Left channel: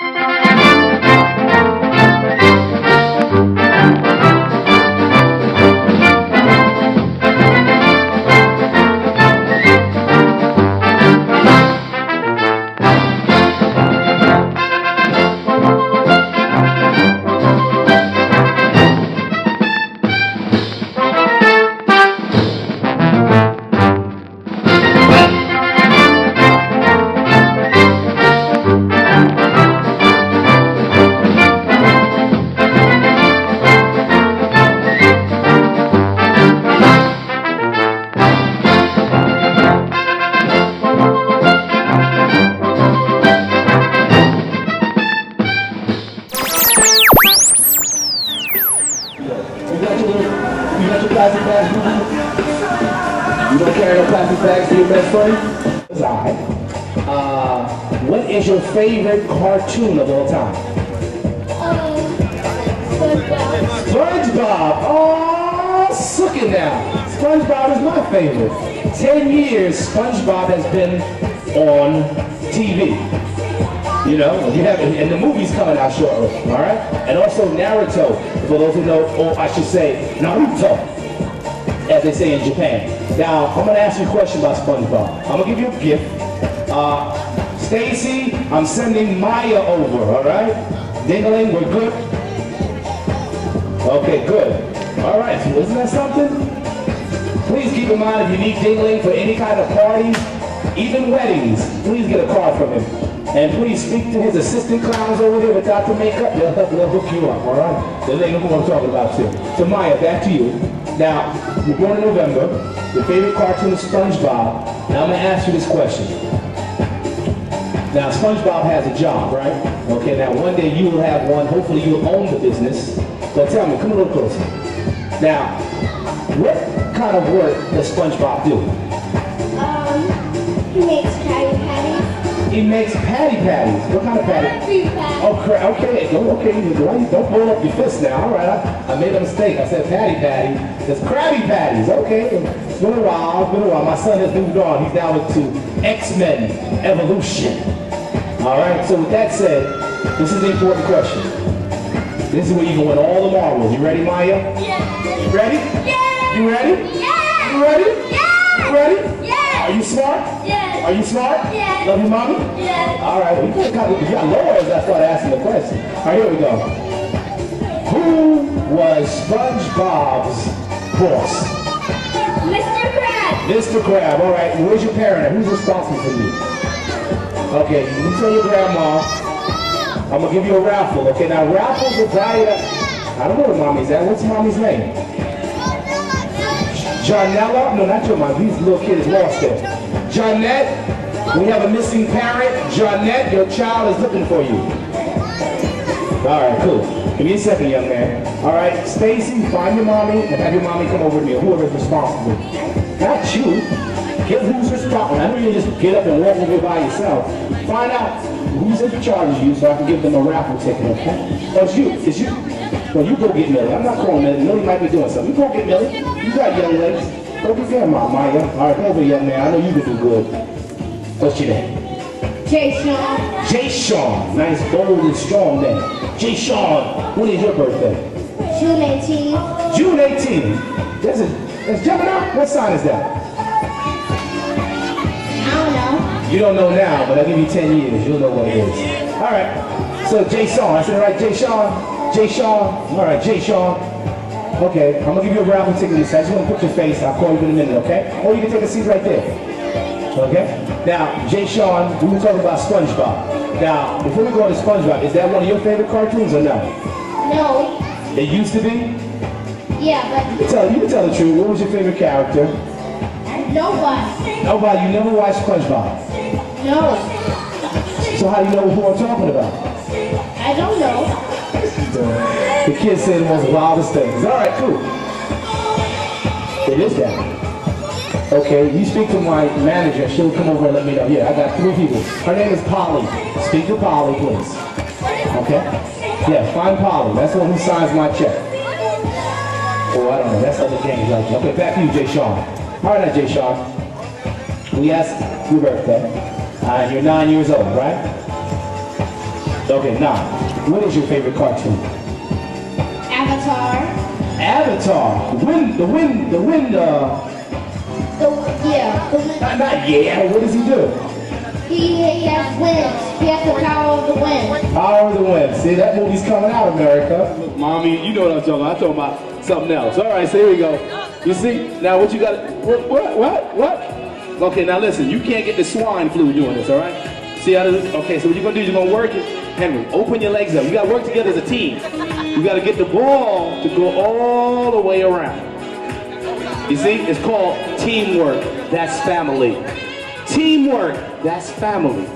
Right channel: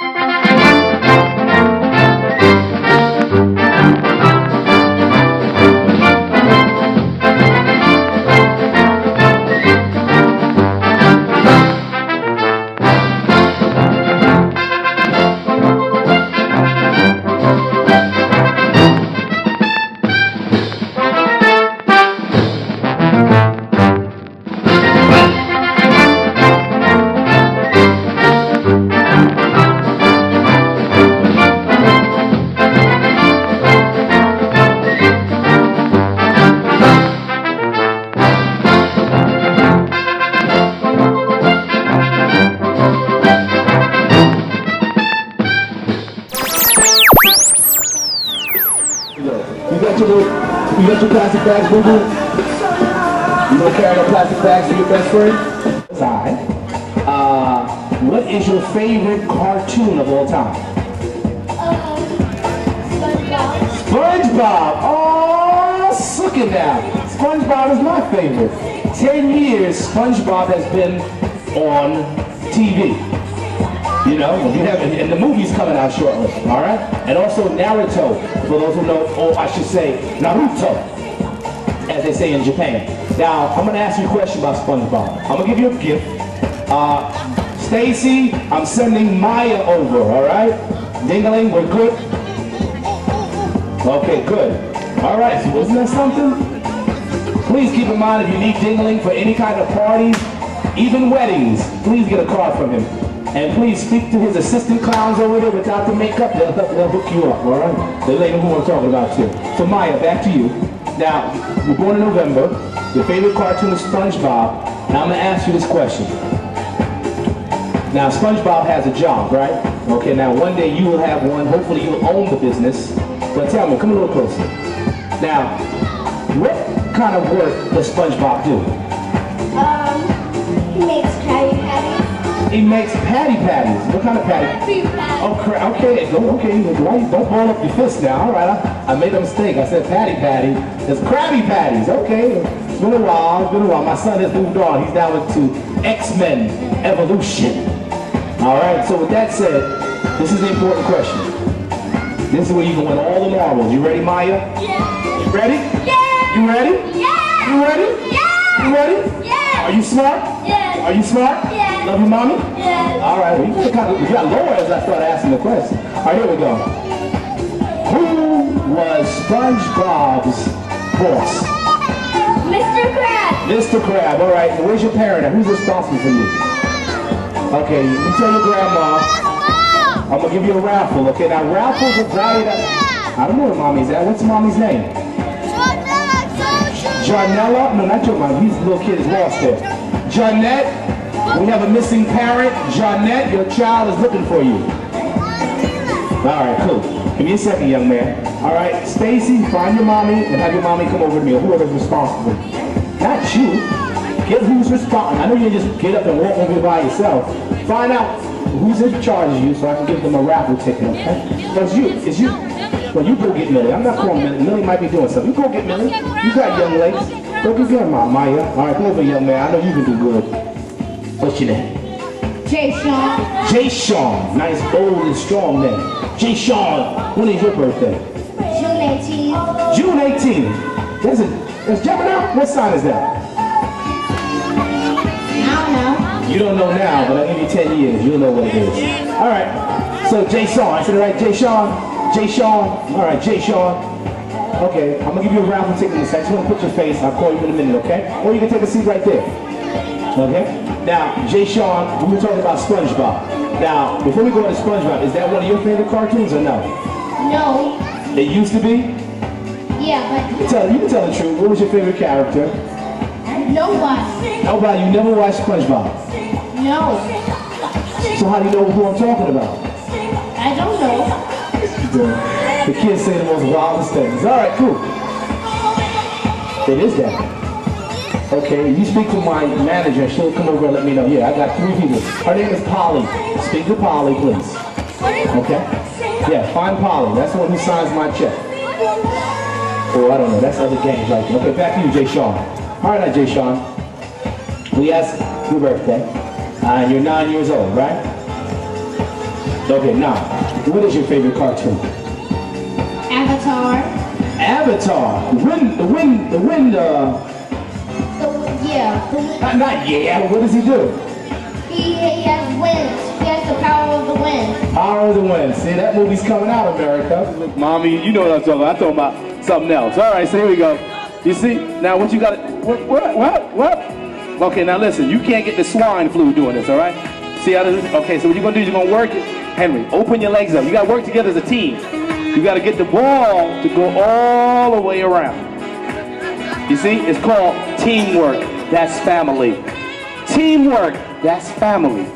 You got your plastic bags, boo-boo? You gonna carry the plastic bags for your best friend? What is your favorite cartoon of all time? SpongeBob. SpongeBob! Oh, suck it now. SpongeBob is my favorite. 10 years SpongeBob has been on TV. You know, you have, and the movie's coming out shortly, all right? And also Naruto, for those who know, or I should say Naruto, as they say in Japan. Now, I'm gonna ask you a question about SpongeBob. I'm gonna give you a gift. Stacy, I'm sending Maya over, all right? Dingling, we're good? Okay, good. All right, so isn't that something? Please keep in mind if you need Dingling for any kind of parties, even weddings, please get a card from him. And please speak to his assistant clowns over there without the makeup. They'll hook you up, all right? They know who I'm talking about too. So Maya, back to you. Now, you're born in November. Your favorite cartoon is SpongeBob. Now I'm gonna ask you this question. Now SpongeBob has a job, right? Okay, now one day you will have one. Hopefully you will own the business. But tell me, come a little closer. Now, what kind of work does SpongeBob do? He makes Krabby Patties. He makes Patty Patties. What kind of patty? Krabby Patties. Oh, okay. Don't ball up your fist now. All right, I made a mistake. I said Patty Patty. It's Krabby Patties. Okay. It's been a while. My son has moved on. He's down into X-Men Evolution. All right. So with that said, this is the important question. This is where you can win all the marbles. You ready, Maya? Yeah. You ready? Yeah. You ready? Yeah. You ready? Yeah. You ready? Yeah. Are you smart? Yeah. Are you smart? Yeah. Love your mommy? Yeah. All right. You got lower as I start asking the question. All right, here we go. Who was SpongeBob's boss? Mr. Krabs. Mr. Crab. All right. Where's your parent at? Who's responsible for you? Okay. You tell your grandma. I'm gonna give you a raffle. Okay. Now raffles are valued at. I don't know where mommy's at. What's mommy's name? Janella? No, not your mom. These little kid is lost there. Janette, we have a missing parent. Janette, your child is looking for you. All right, cool. Give me a second, young man. All right, Stacy, find your mommy and have your mommy come over to me, or whoever's responsible. Not you. Get who's responsible. I know you can just get up and walk over here by yourself. Find out who's in charge of you so I can give them a raffle ticket, okay? No, it's you. It's you. Well, you go get Millie. I'm not calling Millie. Millie might be doing something. You go get Millie. You got young legs. Go get grandma, Maya. All right, come over, young man. I know you can do good. What's your name? Jay Sean. Jay Sean. Nice, bold, and strong name. Jay Sean. When is your birthday? June 18th. June 18th. That's Gemini? What sign is that? I don't know. You don't know now, but I'll give you 10 years. You'll know what it is. All right. So, Jay Sean. I said it right, Jay Sean? Jay Sean. All right, Jay Sean. Okay, I'm going to give you a raffle ticket in a second. Just want to put your face. I'll call you in a minute, okay? Or you can take a seat right there. Okay? Now, Jay Sean, we were talking about SpongeBob. Now, before we go on to SpongeBob, is that one of your favorite cartoons or no? No. It used to be? Yeah, but You can tell the truth. What was your favorite character? nobody. Nobody. You never watched SpongeBob? No. So how do you know who I'm talking about? I don't know. The kids say the most wildest things. All right, cool. It is that. Okay, you speak to my manager. She'll come over and let me know. Yeah, I got 3 people. Her name is Polly. Speak to Polly, please. Okay? Yeah, find Polly. That's the one who signs my check. Oh, I don't know. That's other James right there. Okay, back to you, Jay Sean. All right, now, Jay Sean. We asked your birthday. And you're 9 years old, right? Okay, now, what is your favorite cartoon? Avatar. Avatar. Not yeah, but what does he do? He has winds. He has the power of the wind. Power of the wind. See, that movie's coming out, America. Look, Mommy, you know what I'm talking about. I'm talking about something else. All right, so here we go. You see? Now what you got? What? Okay, now listen. You can't get the swine flu doing this, all right? See how this? Okay, so what you're going to do is you're going to work it. Henry, open your legs up. You got to work together as a team. You got to get the ball to go all the way around. You see? It's called teamwork. That's family. Teamwork. That's family.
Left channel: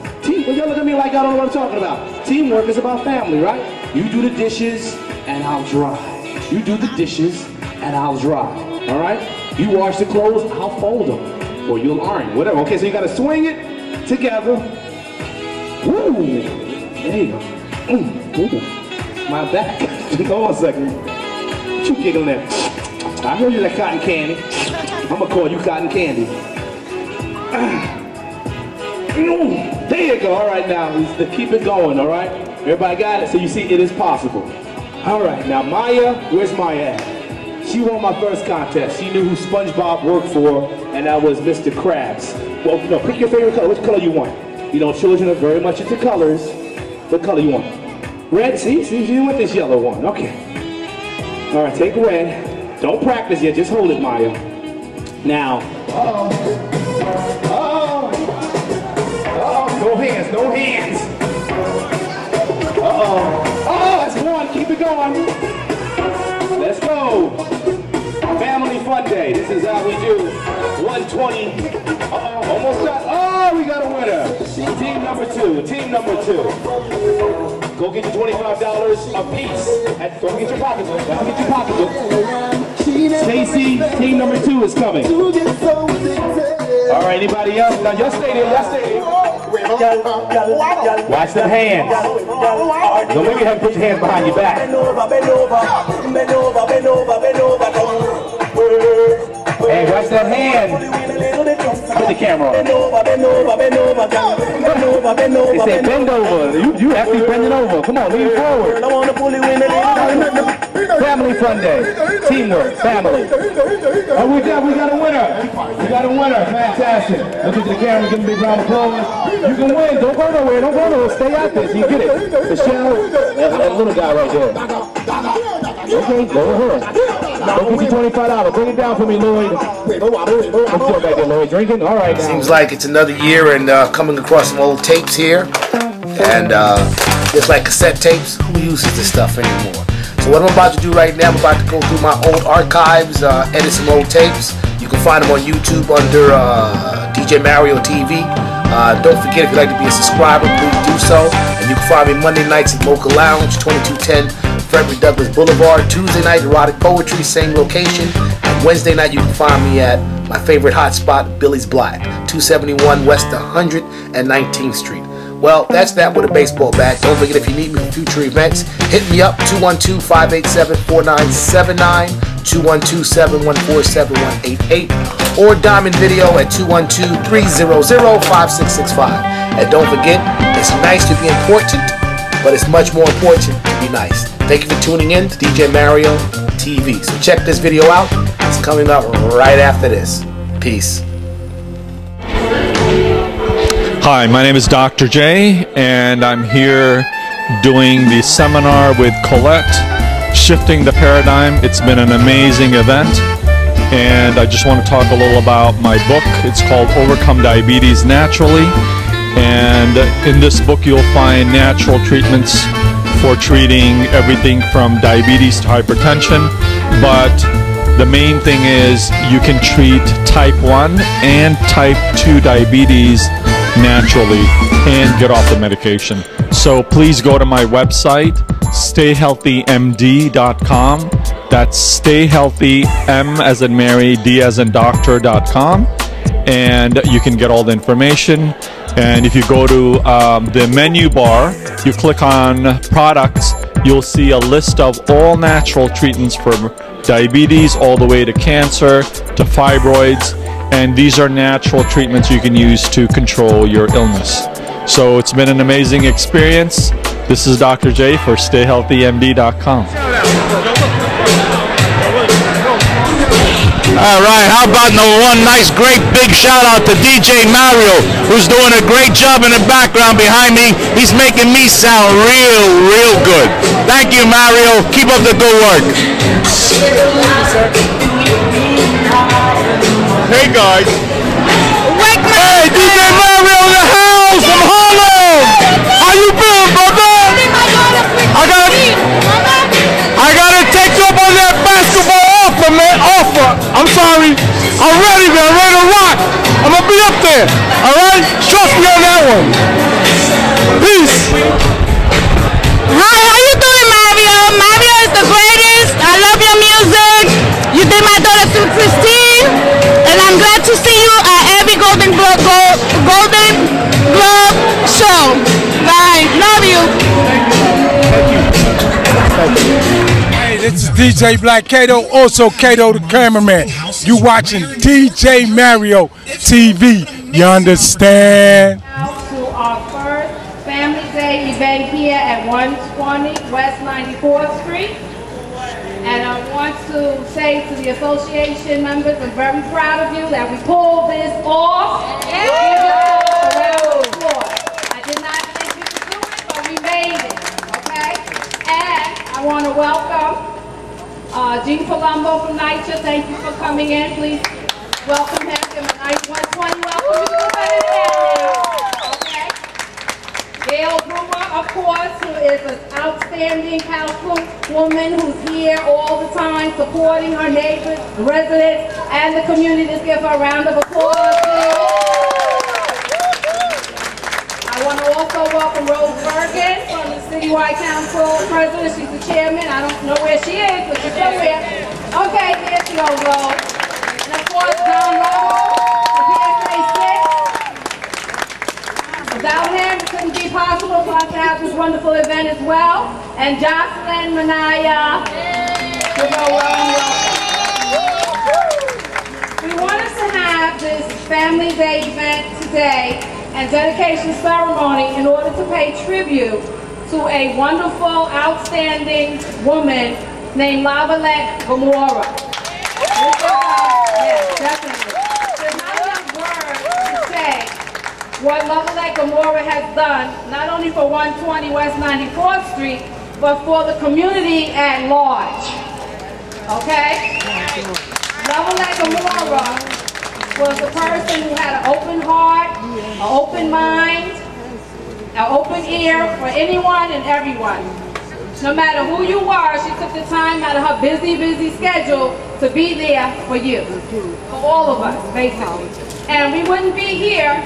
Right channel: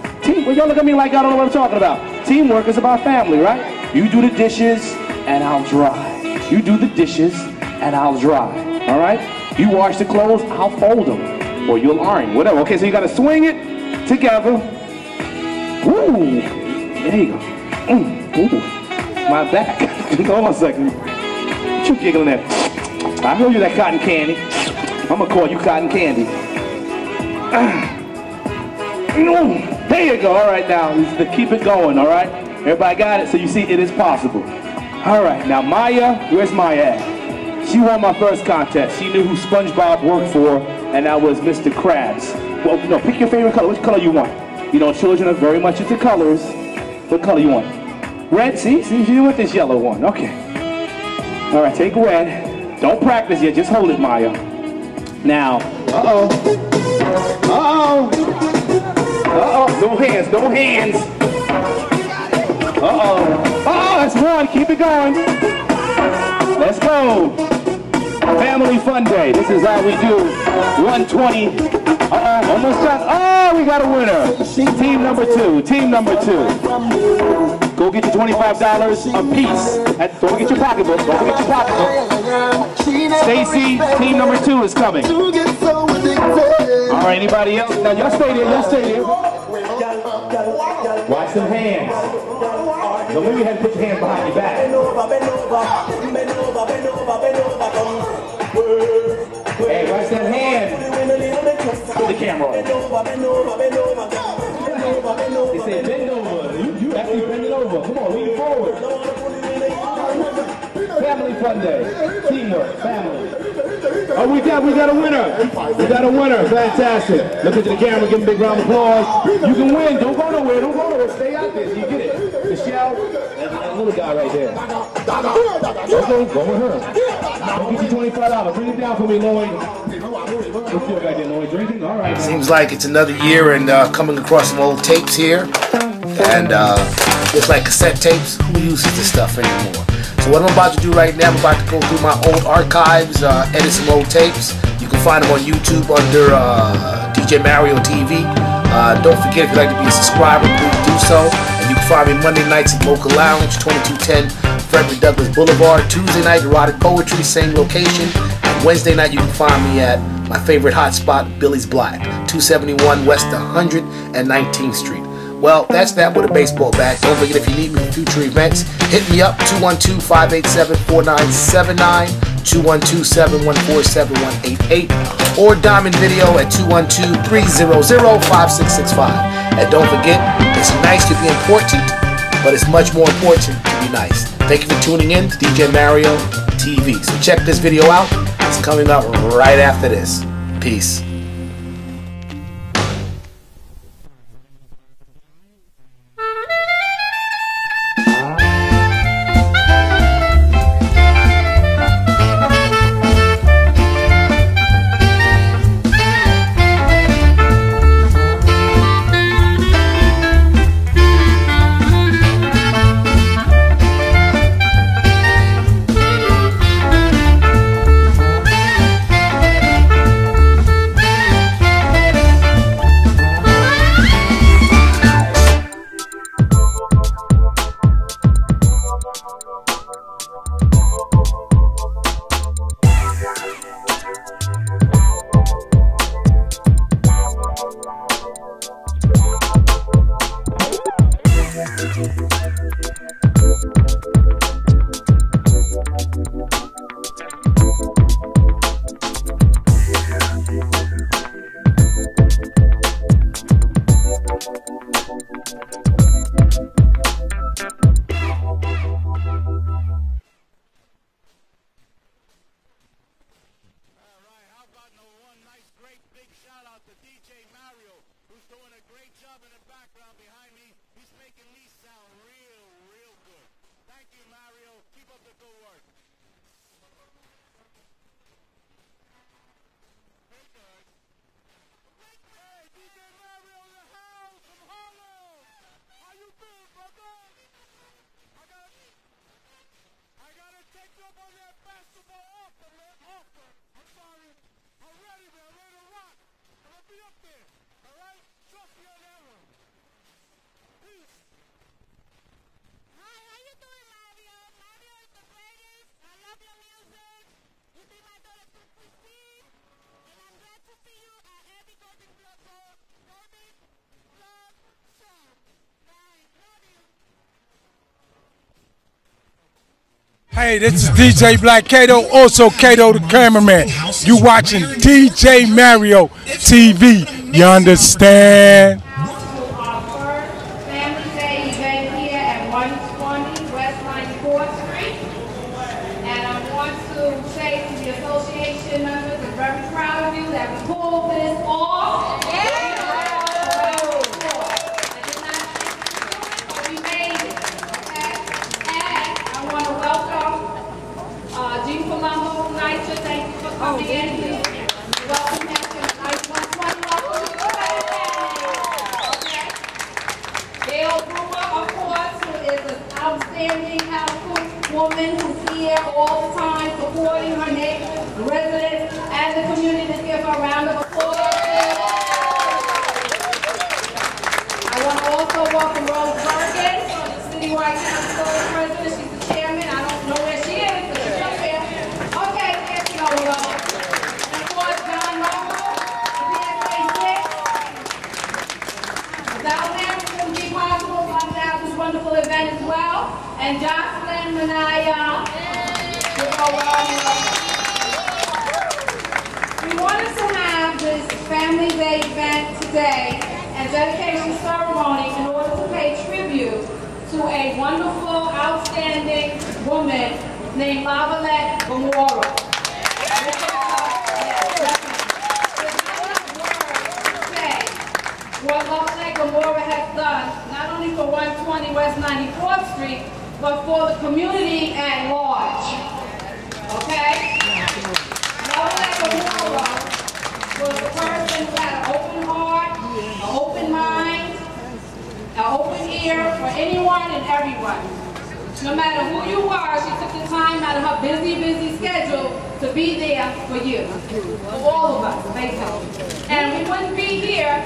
Well, y'all look at me like I don't know what I'm talking about. Teamwork is about family, right? You do the dishes, and I'll dry. You do the dishes, and I'll dry. All right? You wash the clothes, I'll fold them. Or you'll iron, whatever. Okay, so you got to swing it together. Woo! There you go. Ooh. My back. Hold on a second. What you giggling at? I heard you that cotton candy. I'm going to call you cotton candy. There you go. All right, now, keep it going, all right? Everybody got it? So you see, it is possible. All right, now Maya, where's Maya at? She won my first contest. She knew who SpongeBob worked for, and that was Mr. Krabs. Well, no, pick your favorite color. Which color you want? You know, children are very much into colors. What color you want? Red? See, you want this yellow one. Okay. All right, take red. Don't practice yet. Just hold it, Maya. Now, uh-oh. No hands, no hands. Uh-oh. Oh, that's one. Keep it going. Let's go. Family Fun Day. This is how we do. 120. Uh-oh, almost done. Oh, we got a winner. Team number two. Team number two. Go get your $25 a piece. Don't get your pocketbook. Don't forget your pocketbook. Stacy, team number two is coming. All right, anybody else? Now, y'all stay there. Y'all stay there. Watch them hands. Don't let me have to put your hands behind your back. Hey, watch that hand. Put the camera on. They say bend over. You actually bending over. Come on, lean forward. Family Fun Day. Teamwork. Family. Oh, we got a winner. We got a winner. Fantastic. Look at the camera. Give me a big round of applause. You can win. Don't go nowhere. Don't go nowhere. Stay out there. You get it. Michelle. That little guy right there. Okay, go with her. Don't get you $25. Bring it down for me, Lloyd. What's your back there, Lloyd? Drinking? All right. Seems like it's another year and coming across some old tapes here. And just like cassette tapes, who uses this stuff anymore? So what I'm about to do right now, I'm about to go through my old archives, edit some old tapes. You can find them on YouTube under DJ Mario TV. Don't forget, if you'd like to be a subscriber, please do so. And you can find me Monday nights at Mocha Lounge, 2210 Frederick Douglass Boulevard. Tuesday night, Erotic Poetry, same location. And Wednesday night, you can find me at my favorite hotspot, Billy's Black, 271 West 119th Street. Well, that's that with a baseball bat. Don't forget, if you need me for future events, hit me up, 212-587-4979, 212-714-7188, or Diamond Video at 212-300-5665. And don't forget, it's nice to be important, but it's much more important to be nice. Thank you for tuning in to DJ Mario TV. So check this video out. It's coming up right after this. Peace. Hi, my name is Dr. J, and I'm here doing the seminar with Colette, Shifting the Paradigm. It's been an amazing event, and I just want to talk a little about my book. It's called Overcome Diabetes Naturally, and in this book you'll find natural treatments for treating everything from diabetes to hypertension, but the main thing is you can treat type 1 and type 2 diabetes naturally and get off the medication. So please go to my website, stayhealthymd.com. That's stayhealthy, M as in Mary, D as in doctor.com, and you can get all the information. And if you go to the menu bar, you click on products, you'll see a list of all natural treatments for diabetes all the way to cancer to fibroids, and these are natural treatments you can use to control your illness. So it's been an amazing experience. This is Dr. J for StayHealthyMD.com. All right, how about one nice, great, big shout out to DJ Mario, who's doing a great job in the background behind me. He's making me sound real good. Thank you, Mario. Keep up the good work. Hey, guys. Hey, DJ Mario in the house from Harlem. How you doing, brother? I gotta take you up on that basketball offer, man. I'm sorry. I'm ready, man. I'm ready to rock. I'm gonna be up there. All right? Trust me on that one. Peace. Hi, how you doing, Mario? Mario is the greatest. I love your music. You did my daughter Sue Christine, and I'm glad to see you at every Golden Globe show. Bye. Love you. Hey, this is DJ Black Kato, also Kato the cameraman. You watching DJ Mario TV, you understand? To our first Family Day event here at 120 West 94th Street. And I want to say to the association members, I'm very proud of you that we pulled this off. I did not think we could do it, but we made it, okay? And I want to welcome Gene Palumbo from NYCHA. Thank you for coming in. Please welcome him to the nice 120. Welcome you to the family. Okay? Gail Brewer, of course, who is an outstanding housewoman who's here all the time supporting her neighbors, the residents, and the community. Let's give her a round of applause. I want to also welcome Rose Bergen from the Citywide Council President. She's the chairman. I don't know where she is, but she's up there. Okay, there she goes, Rose. And of course, John Lowe, the PSA 6. Without him, it couldn't be possible for us to have this wonderful event as well. And Jocelyn Manaya. We wanted to have this Family Day event today and dedication ceremony in order to pay tribute to a wonderful, outstanding woman named Lavalette Gamora. Yes, definitely. There's not enough words to say what Lavalette Gamora has done, not only for 120 West 94th Street, but for the community at large. Okay? Lavalette Gamora was a person who had an open heart, an open mind, an open ear for anyone and everyone. No matter who you were, she took the time out of her busy schedule to be there for you, for all of us, basically. And we wouldn't be here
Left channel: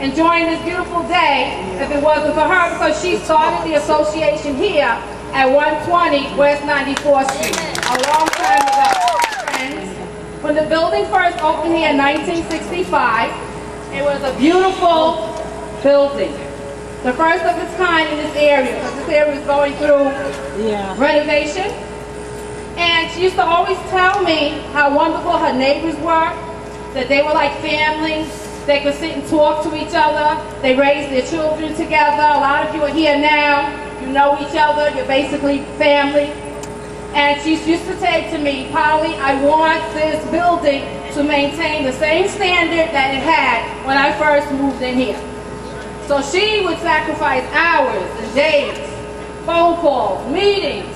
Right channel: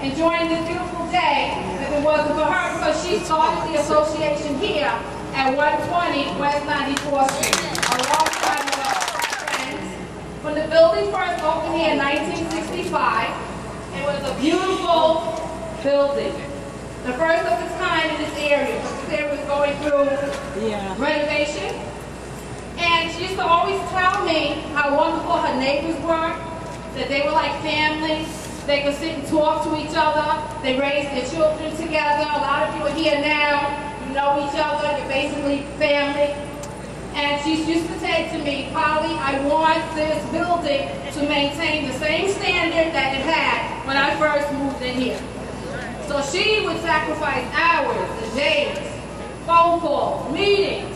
enjoying this beautiful day if it wasn't for her, because she started the association here at 120 West 94th Street a long time ago. When the building first opened here in 1965, it was a beautiful building. The first of its kind in this area, because this area was going through renovation. And she used to always tell me how wonderful her neighbors were, that they were like family. They could sit and talk to each other. They raised their children together. A lot of you are here now. You know each other. You're basically family. And she used to say to me, Polly, I want this building to maintain the same standard that it had when I first moved in here. So she would sacrifice hours and days, phone calls, meetings,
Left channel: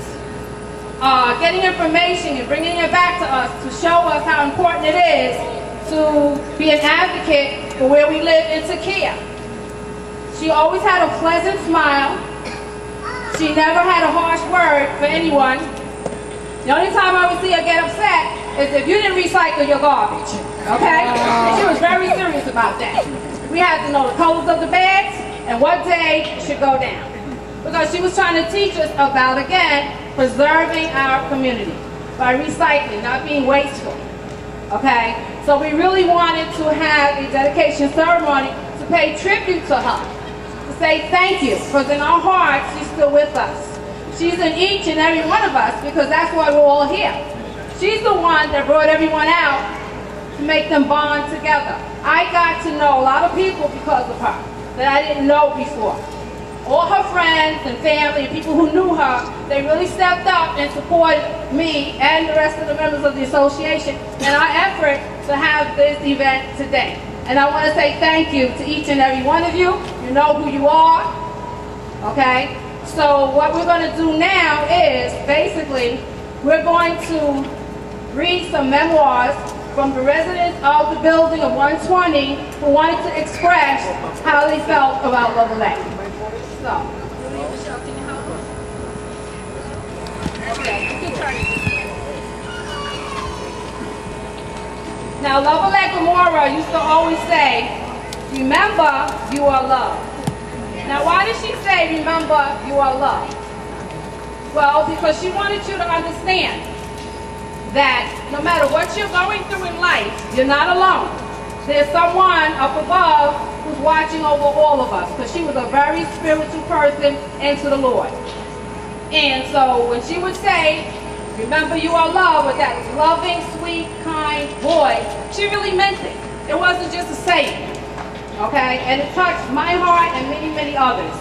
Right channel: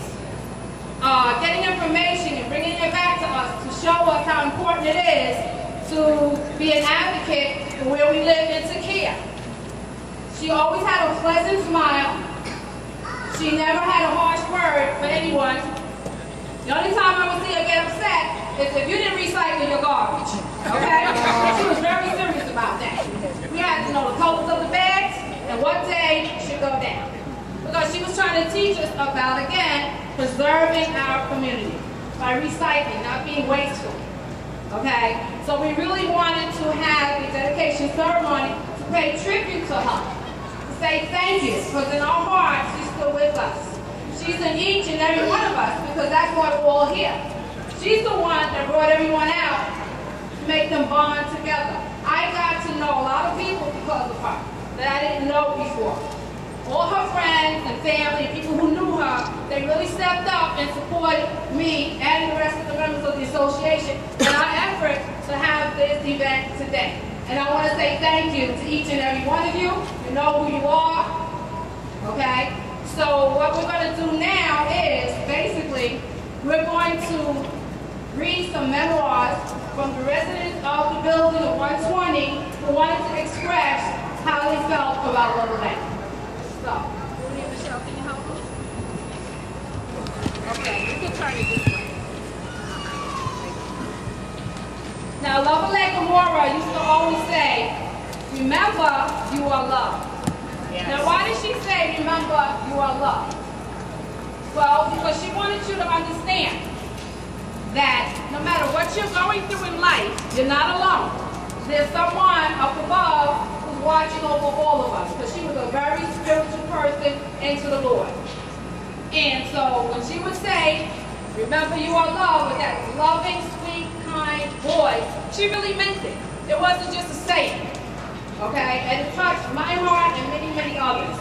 getting information and bringing it back to us to show us how important it is to be an advocate for where we live and to care. She always had a pleasant smile. She never had a harsh word for anyone. The only time I would see her get upset is if you didn't recycle your garbage, okay? She was very serious about that. We had to know the colors of the bags and what day it should go down. Because she was trying to teach us about, again, preserving our community by recycling, not being wasteful, okay? So we really wanted to have a dedication ceremony to pay tribute to her, to say thank you, because in our hearts, she's still with us. She's in each and every one of us, because that's why we're all here. She's the one that brought everyone out to make them bond together. I got to know a lot of people because of her that I didn't know before. all her friends and family and people who knew her, they really stepped up and supported me and the rest of the members of the association in our effort to have this event today. And I want to say thank you to each and every one of you. You know who you are, okay? So what we're going to do now is basically we're going to read some memoirs from the residents of the building of 120 who wanted to express how they felt about Lovelette. So, Michelle, can you help me? Okay, you can turn it this way. Now, Lovelette Gamora used to always say, remember, you are loved. Now, why did she say, remember, you are loved? Well, because she wanted you to understand that no matter what you're going through in life, you're not alone. There's someone up above who's watching over all of us, because she was a very spiritual person into the Lord. And so when she would say, remember you are loved, with that loving, sweet, kind voice, she really meant it. It wasn't just a saying, okay? And it touched my heart and many, many others.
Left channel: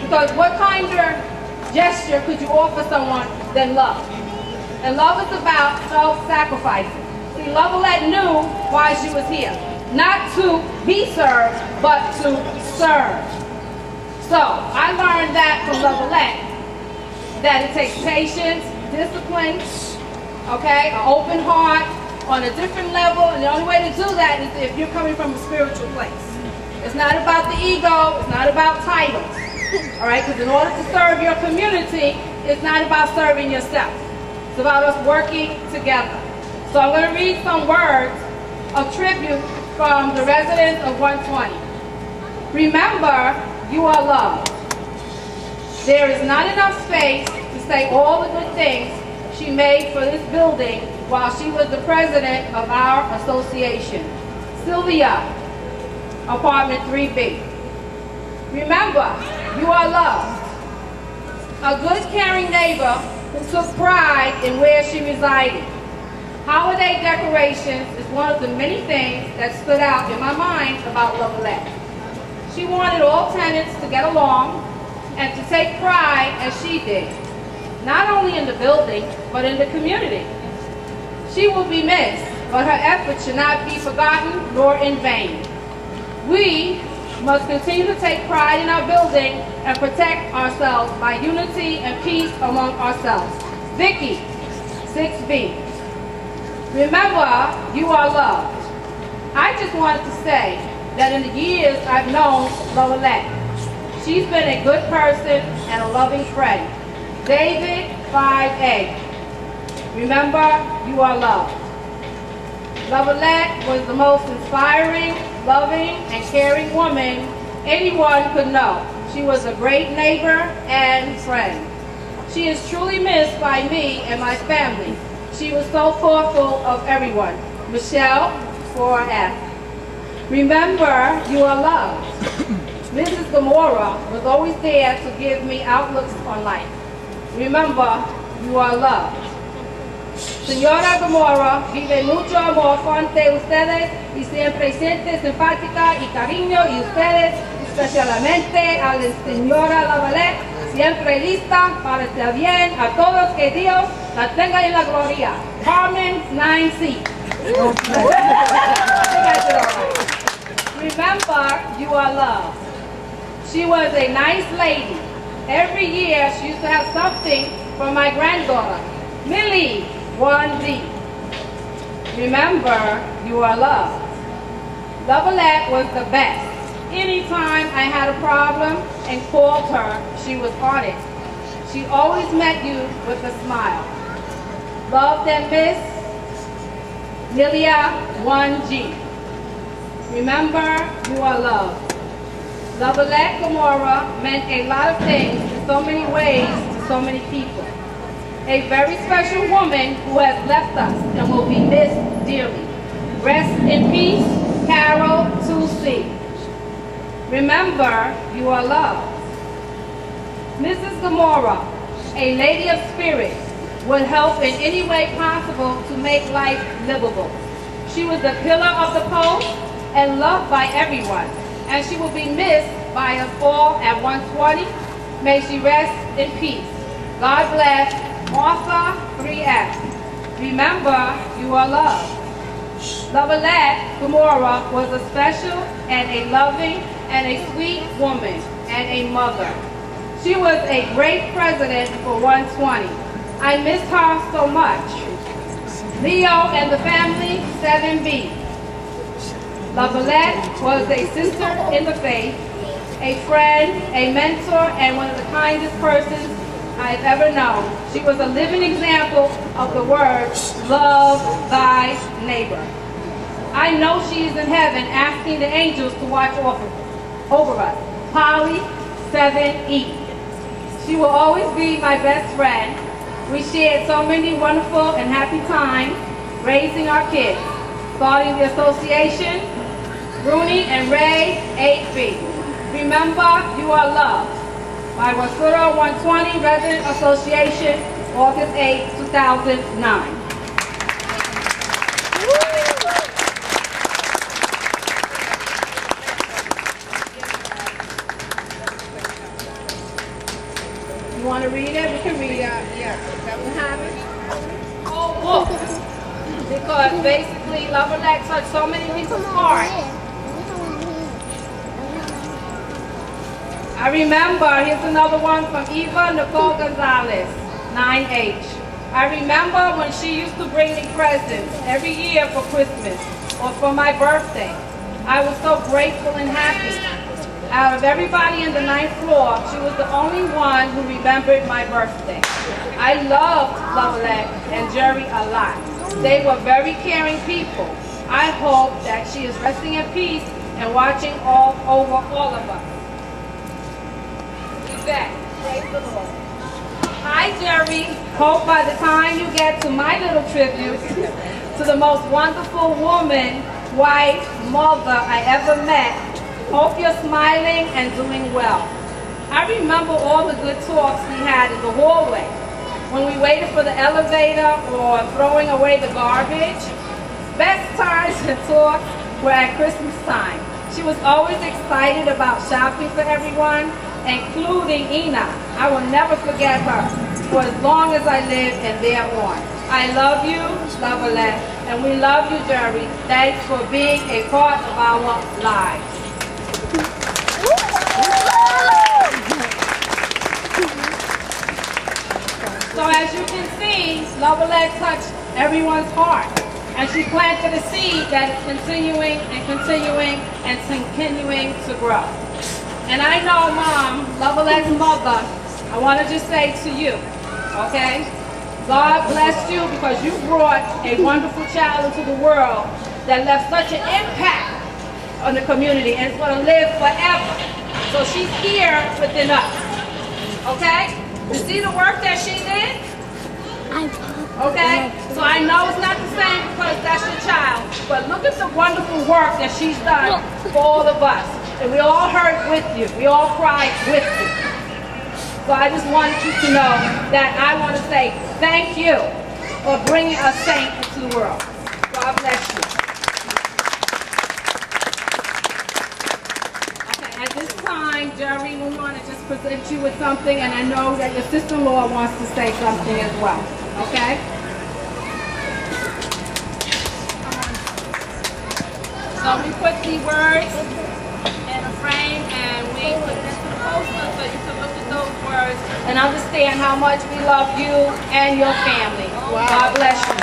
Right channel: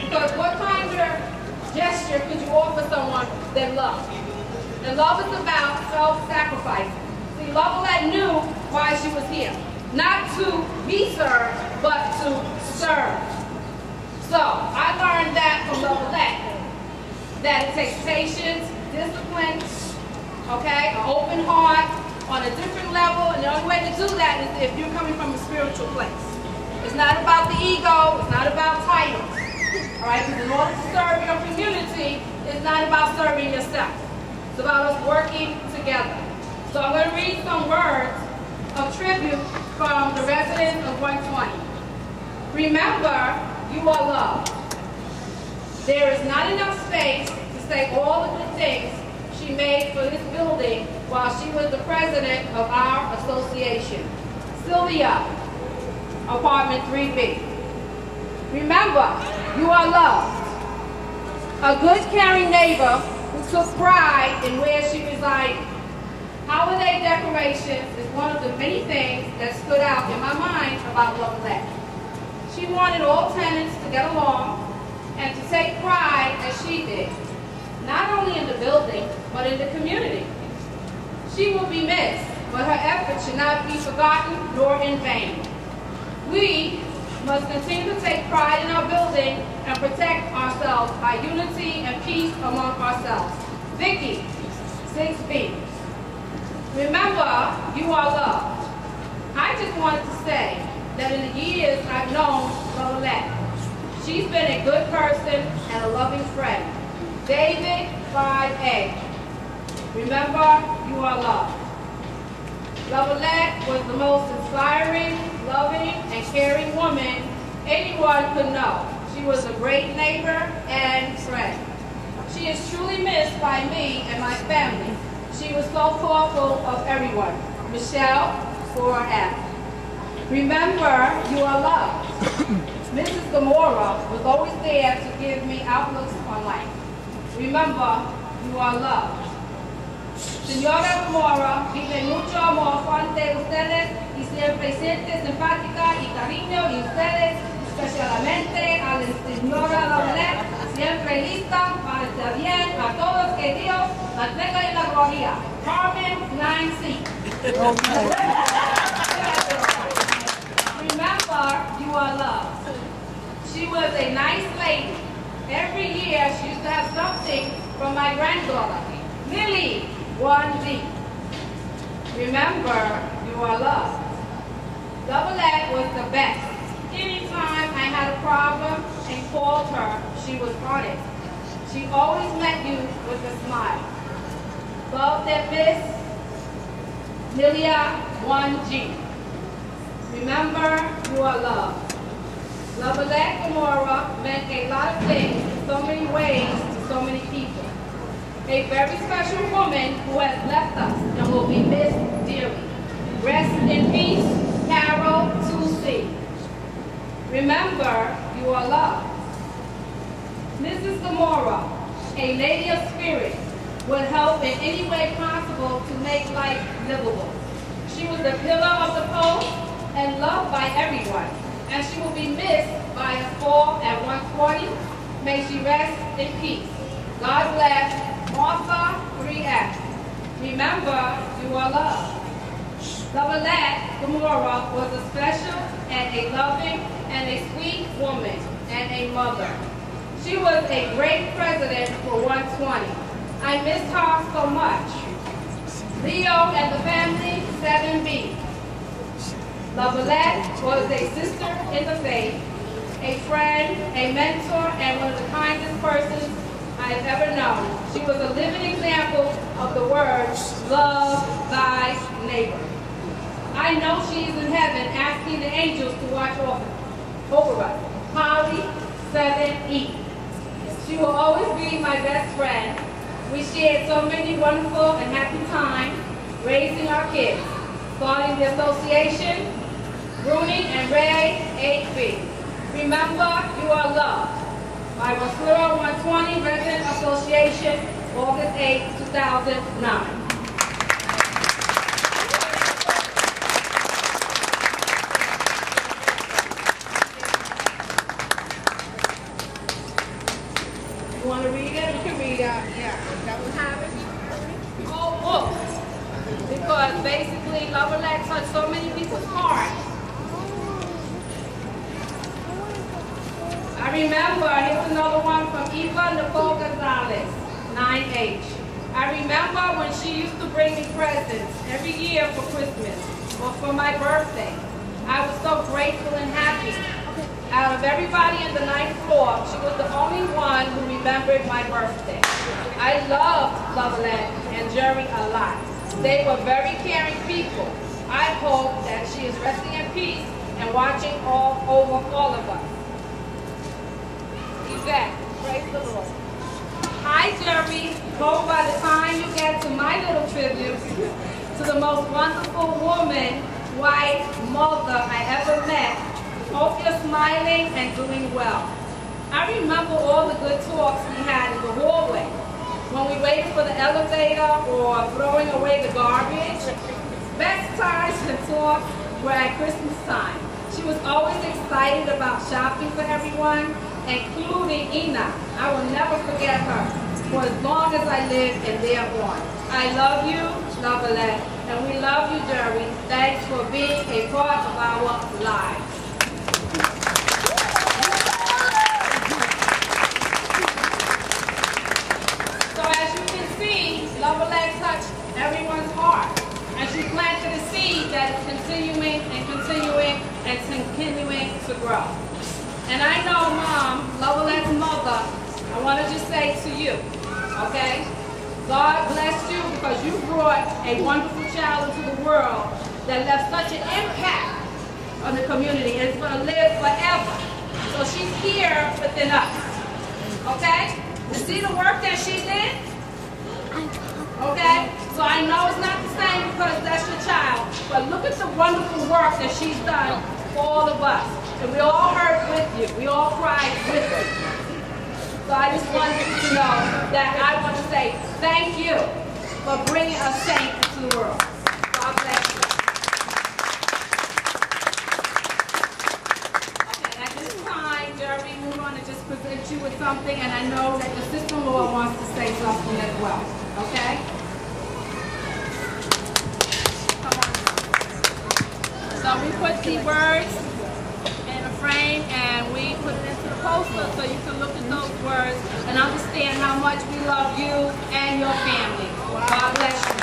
Because what kind of gesture could you offer someone than love? And love is about self-sacrificing. See, Lovelette knew why she was here. Not to be served, but to serve. So, I learned that from Lovelette, that it takes patience, discipline, okay, an open heart, on a different level, and the only way to do that is if you're coming from a spiritual place. It's not about the ego, it's not about titles, all right, because in order to serve your community, it's not about serving yourself. It's about us working together. So I'm going to read some words of tribute from the residents of 120. Remember, you are loved. There is not enough space to say all the good things she made for this building while she was the president of our association. Sylvia, apartment 3B. Remember, you are loved. A good, caring neighbor who took pride in where she resided. Holiday decorations is one of the many things that stood out in my mind about Lovelette. She wanted all tenants to get along and to take pride as she did, not only in the building, but in the community. She will be missed, but her efforts should not be forgotten nor in vain. We must continue to take pride in our building and protect ourselves by unity and peace among ourselves. Vicky, 6B. Remember, you are loved. I just wanted to say that in the years I've known Lovelette, she's been a good person and a loving friend. David, 5A. Remember, you are loved. Lovelette was the most inspiring, loving, and caring woman anyone could know. She was a great neighbor and friend. She is truly missed by me and my family. She was so thoughtful of everyone. Michelle, 4F. Remember, you are loved. Mrs. Gamora was always there to give me outlooks on life. Remember, you are loved. Señora Gamora, vive mucho amor ante ustedes y siempre siente simpática y cariño, y ustedes, especialmente a la señora Lovelette, siempre lista para estar bien a todos, que Dios la tenga en la gloria. Carmen, 9C. Remember, you are loved. She was a nice lady. Every year she used to have something from my granddaughter, Millie, 1D. Remember, you are loved. Lovelette was the best. Anytime I had a problem and called her, she was on it. She always met you with a smile. Loved and missed, Lilia, 1G. Remember, you are loved. Lovelette Gamora meant a lot of things in so many ways to so many people. A very special woman who has left us and will be missed dearly. Rest in peace, Carol, 2C. Remember, you are loved. Mrs. Gamora, a lady of spirit, would help in any way possible to make life livable. She was the pillar of the post and loved by everyone, and she will be missed by us all at 120. May she rest in peace. God bless. Martha 3F. Remember, you are loved. Lovelette Gamora was a special and a loving and a sweet woman and a mother. She was a great president for 120. I miss her so much. Leo and the family, 7B. Lovelette was a sister in the faith, a friend, a mentor, and one of the kindest persons I've ever known. She was a living example of the word, love thy neighbor. I know she's in heaven asking the angels to watch over us. Polly, 7E. She will always be my best friend. We shared so many wonderful and happy times raising our kids. Starting the association, Rooney and Ray, 8B. Remember, you are loved. My Wasura 120 Resident Association, August 8, 2009. You want to read it? We can read it. Yeah. That will happen. Whole book. Because basically, Lovelette touched so many people's hearts. I remember, here's another one from Eva Nicole Gonzalez, 9H. I remember when she used to bring me presents every year for Christmas or for my birthday. I was so grateful and happy. Out of everybody in the 9th floor, she was the only one who remembered my birthday. I loved Lovelette and Jerry a lot. They were very caring people. I hope that she is resting in peace and watching over all of us. Yvette, praise the Lord. Hi, Jerry. Hope by the time you get to my little tribute to the most wonderful woman, wife, mother I ever met, hope you're smiling and doing well. I remember all the good talks we had in the hallway when we waited for the elevator or throwing away the garbage. Best times and talks were at Christmas time. She was always excited about shopping for everyone, including Ina. I will never forget her for as long as I live and thereon. I love you, Lovelette, and we love you, Jerry. Thanks for being a part of our lives. So as you can see, Lovelette touched everyone's heart. And she planted a seed that is continuing and continuing and continuing to grow. And I know, Mom, Lovelette's mother, I want to just say to you, okay? God bless you because you brought a wonderful child into the world that left such an impact on the community and it's going to live forever. So she's here within us, okay? You see the work that she did? Okay? So I know it's not the same because that's your child, but look at the wonderful work that she's done for all of us. And we all hurt with you. We all cried with you. So I just want you to know that I want to say thank you for bringing a saint into the world. God bless you. Okay, at this time, Jerry, we want to just present you with something, and I know that your sister-in-law wants to say something as well. Okay? Come on. So we put the words in a frame and we put it into the poster so you can look at those words and understand how much we love you and your family. God bless you.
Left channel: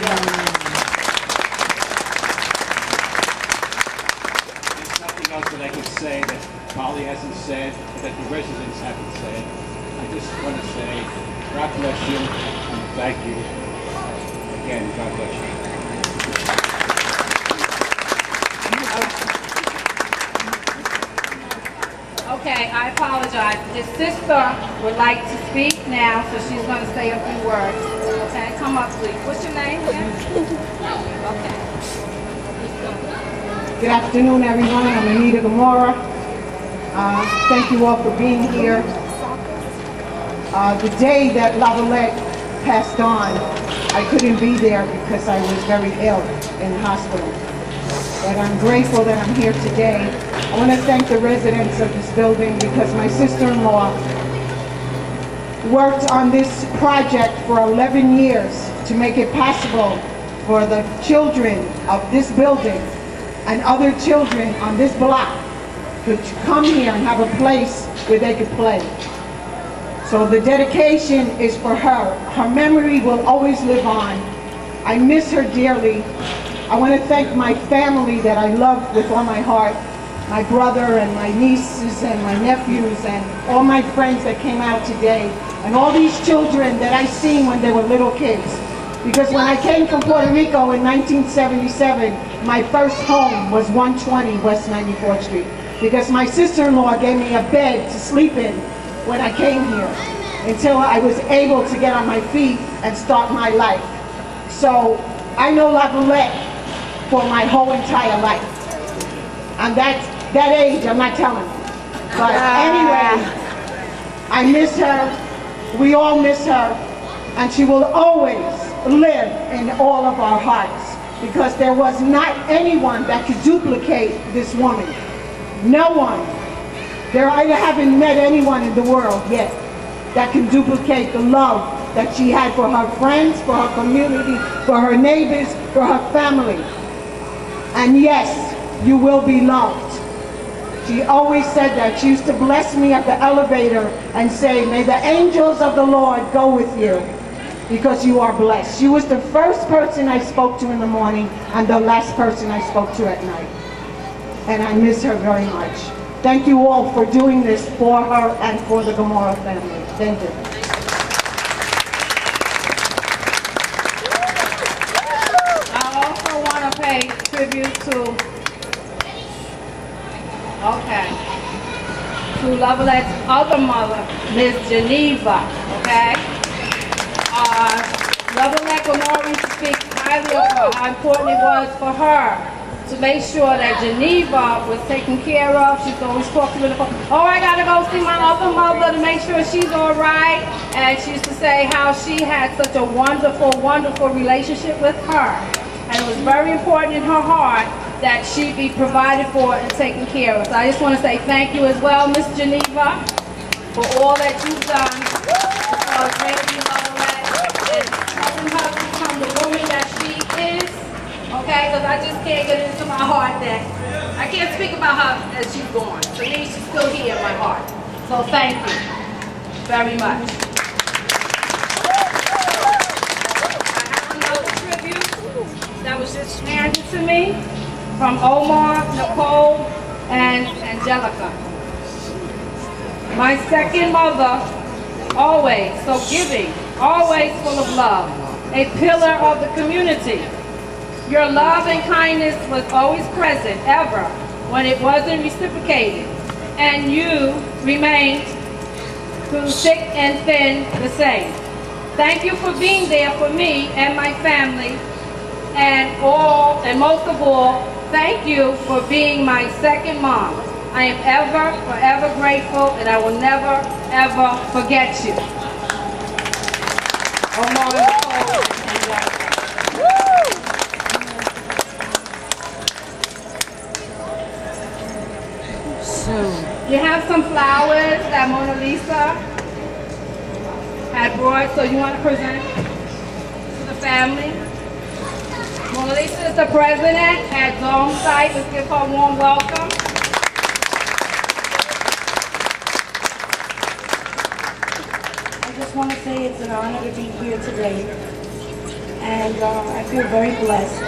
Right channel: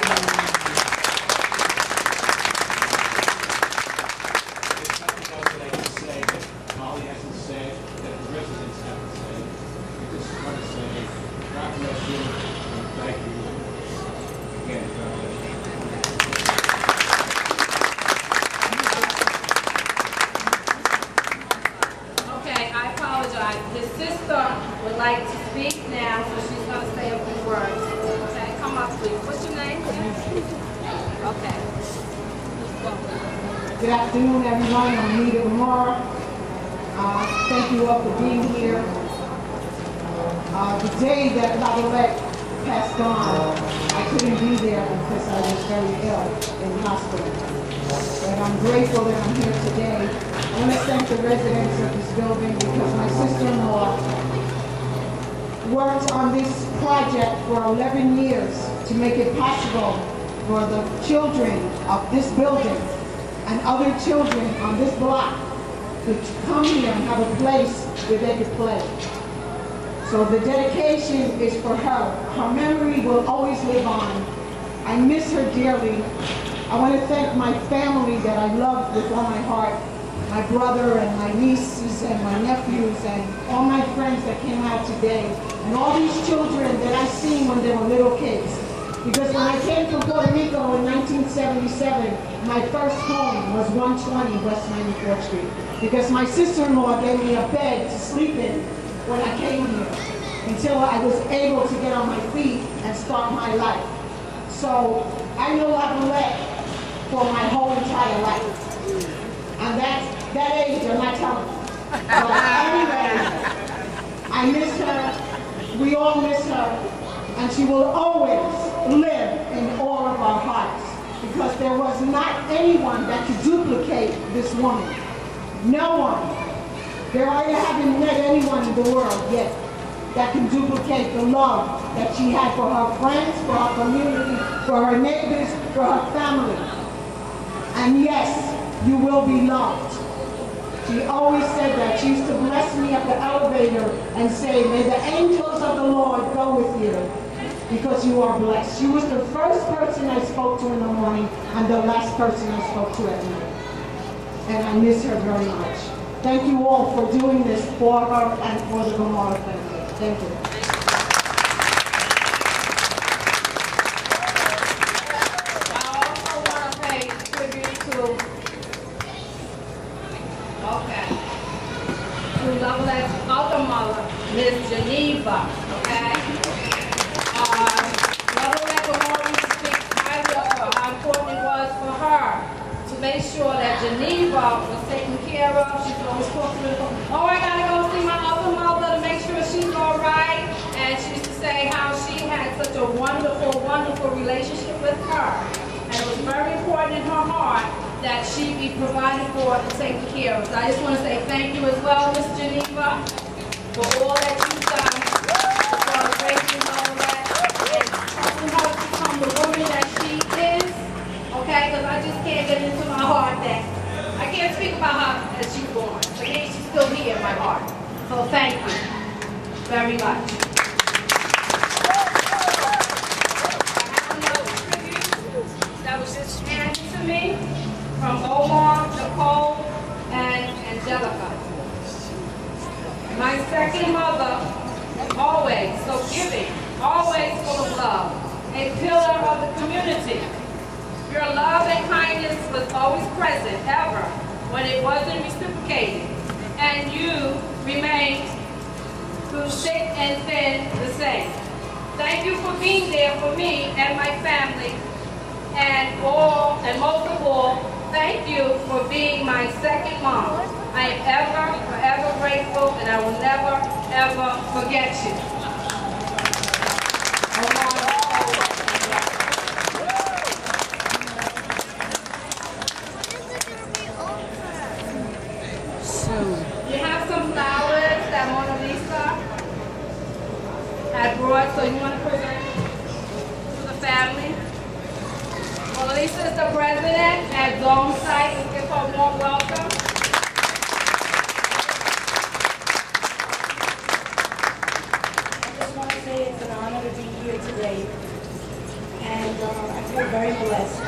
There's nothing else that I can say that Polly hasn't said, that the residents haven't said. I just want to say, God bless you and thank you. Again, God bless you. Okay, I apologize. His sister would like to speak now, so she's going to say a few words. Okay, come up, please. What's your name? Okay. Good afternoon, everyone. I'm Anita Gamora. Thank you all for being here. The day that Lovelette passed on, I couldn't be there because I was very ill in the hospital. But I'm grateful that I'm here today I want to thank the residents of this building because my sister-in-law worked on this project for 11 years to make it possible for the children of this building and other children on this block to come here and have a place where they could play. So the dedication is for her. Her memory will always live on. I miss her dearly. I want to thank my family that I love with all my heart. My brother and my nieces and my nephews and all my friends that came out today. And all these children that I seen when they were little kids. Because when I came from Puerto Rico in 1977, my first home was 120 West 94th Street. Because my sister-in-law gave me a bed to sleep in when I came here until I was able to get on my feet and start my life. So I know La Boulette for my whole entire life. And that age, I'm not telling you. But anyway, I miss her. We all miss her. And she will always live in all of our hearts because there was not anyone that could duplicate this woman. No one. I haven't met anyone in the world yet that can duplicate the love that she had for her friends, for her community, for her neighbors, for her family. And yes, you will be loved. She always said that. She used to bless me at the elevator and say, may the angels of the Lord go with you because you are blessed. She was the first person I spoke to in the morning and the last person I spoke to at night. And I miss her very much. Thank you all for doing this for her and for the Gomorrah family. Thank you. I also want to pay tribute to Lovelette's other mother, Miss Geneva, okay? Lovelette Gomorrah used to speak highly of her, how important it was for her to make sure that Geneva was taken care of. She's always talking with her, oh, I gotta go see my other mother to make sure she's all right. And she used to say how she had such a wonderful, wonderful relationship with her. And it was very important in her heart that she be provided for and taken care of. So I just want to say thank you as well, Miss Geneva, for all that you've done for Mary Lovelett and the woman that she is, okay? Because I just can't get it into my heart that I can't speak about her as she's gone. To me, she's still here in my heart. So thank you very much. I have another tribute that was just handed to me from Omar, Nicole, and Angelica. My second mother, always so giving, always full of love, a pillar of the community. Your love and kindness was always present, ever, when it wasn't reciprocated. And you remained through thick and thin the same. Thank you for being there for me and my family, and most of all, thank you for being my second mom. I am ever, forever grateful, and I will never, ever forget you. You have some flowers that Mona Lisa had brought, so you want to present to the family? Mona Lisa is the president at Zone Site. Let's give her a warm welcome. I just want to say it's an honor to be here today, and I feel very blessed.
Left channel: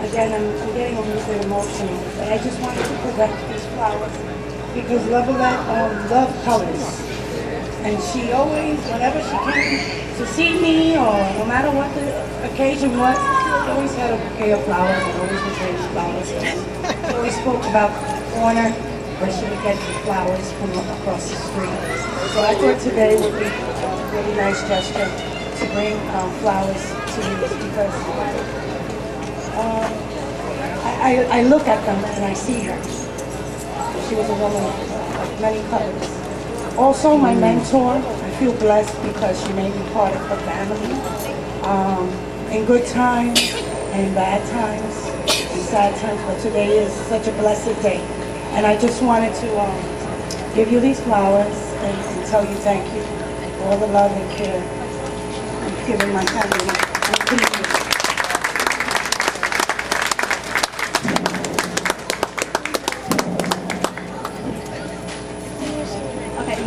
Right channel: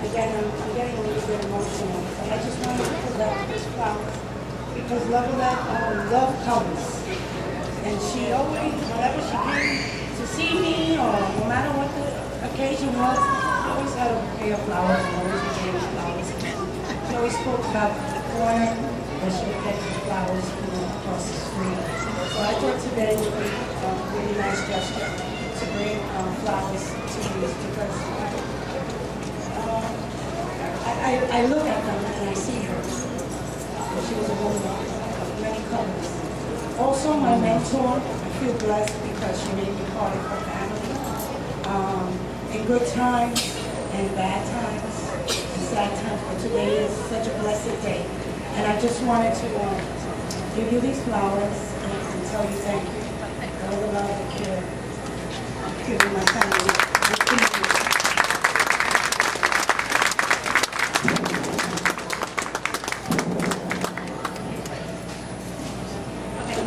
Again, I'm getting a little bit emotional, but I just wanted to present these flowers because Lovelette loved colors, and she always, whenever she came to see me, or no matter what the occasion was, she always had a bouquet of flowers and always would bring flowers. She always spoke about the corner where she would get the flowers from across the street. So I thought today would be a really nice gesture to bring flowers to you because I look at them and I see her. She was a woman of many colors. Also my mentor, I feel blessed because she made me part of her family. In good times and bad times. in sad times, but today is such a blessed day. And I just wanted to give you these flowers and tell you thank you for all the love and care I've given my family. Thank you.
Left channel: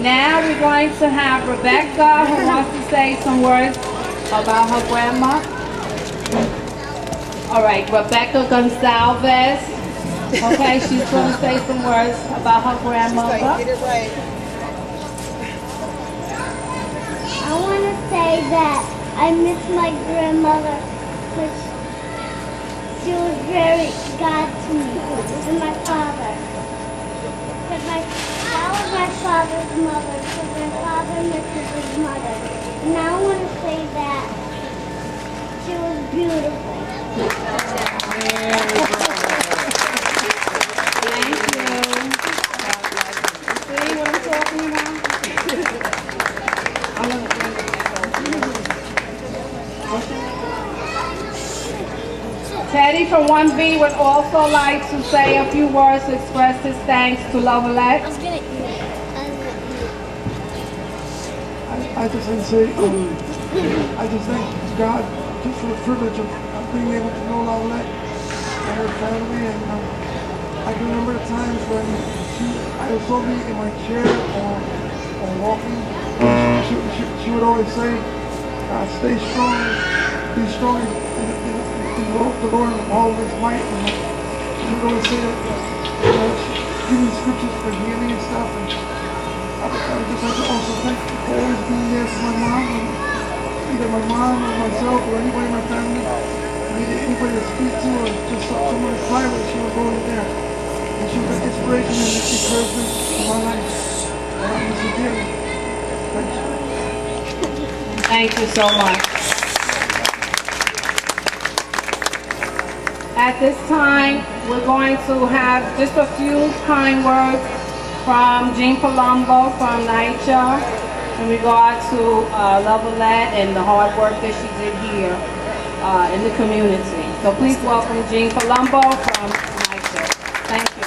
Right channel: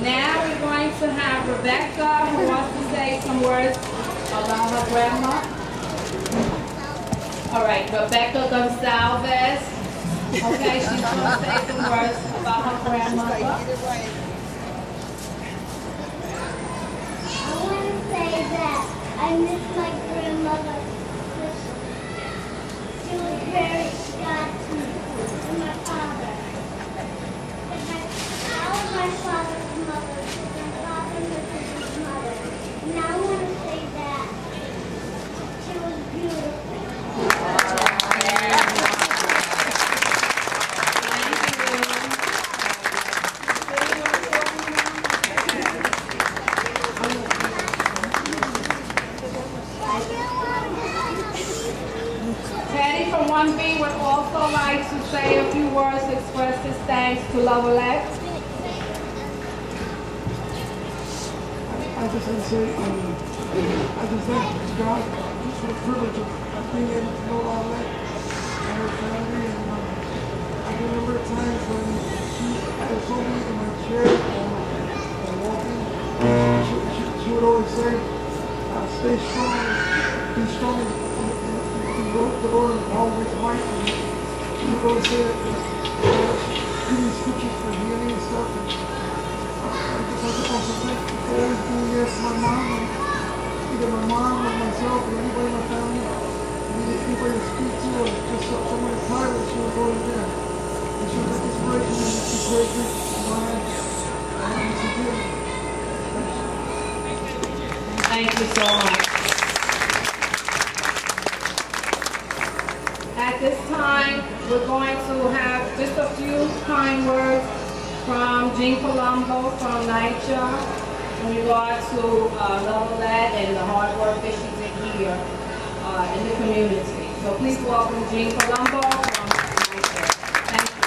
Now we're going to have Rebecca, who wants to say some words about her grandma. All right, Rebecca Gonsalves. Okay, she's going to say some words about her grandmother. I want to say that I miss my grandmother because she was very God to me, and my father. That was my father's mother, because my father misses his mother. And I want to say that she was beautiful. Thank you. See what I'm talking about? Teddy from 1B would also like to say a few words to express his thanks to Lovelette. I just want to say, I just thank God just for the privilege of being able to know Lovelette and her family. And I can remember the times when I was only in my chair or walking. She would always say, stay strong, be strong in the Lord of all of his might. And she would always say, give me scriptures for healing and stuff. And I just like to also thank you for always being there for my mom, either my mom or myself or anybody in my family. Needed anybody to speak to or just someone to cry with, she was always there. And she was an inspiration and encouragement in my life. I miss her dearly. Thank you so much. At this time, we're going to have just a few kind words from Jean Palumbo from NYCHA in regard to Lovelette and the hard work that she did here in the community. So please welcome Jean Palumbo from NYCHA. Thank you.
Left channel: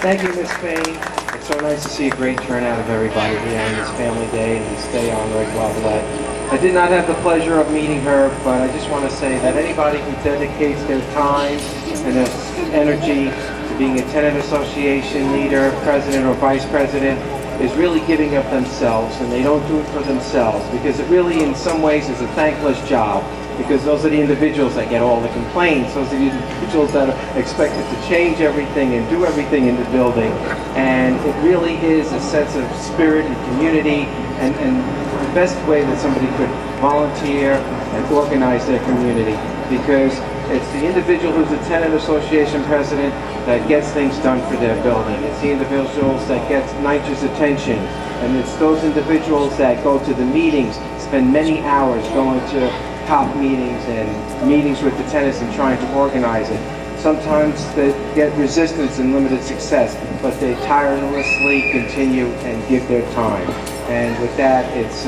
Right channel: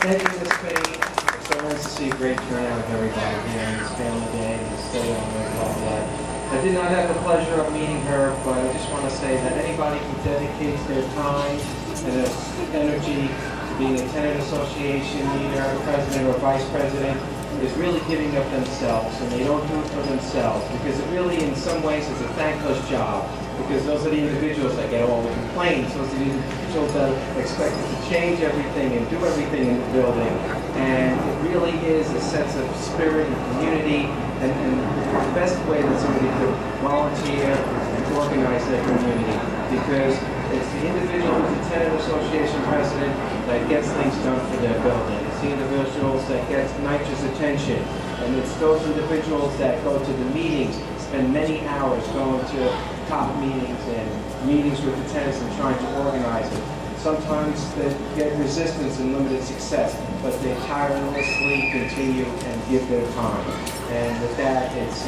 Thank you, Ms. Faye. It's so nice to see a great turnout of everybody here on this family day and this day on Red Lovelette. I did not have the pleasure of meeting her, but I just want to say that anybody who dedicates their time and their energy to being a tenant association leader, president, or vice president is really giving up themselves, and they don't do it for themselves because it really in some ways is a thankless job, because those are the individuals that get all the complaints. Those are the individuals that are expected to change everything and do everything in the building. And it really is a sense of spirit and community, and the best way that somebody could volunteer and organize their community, because it's the individual who's a tenant association president that gets things done for their building. It's the individuals that get NYCHA's attention, and it's those individuals that go to the meetings, spend many hours going to top meetings and meetings with the tenants and trying to organize it. Sometimes they get resistance and limited success, but they tirelessly continue and give their time. And with that, it's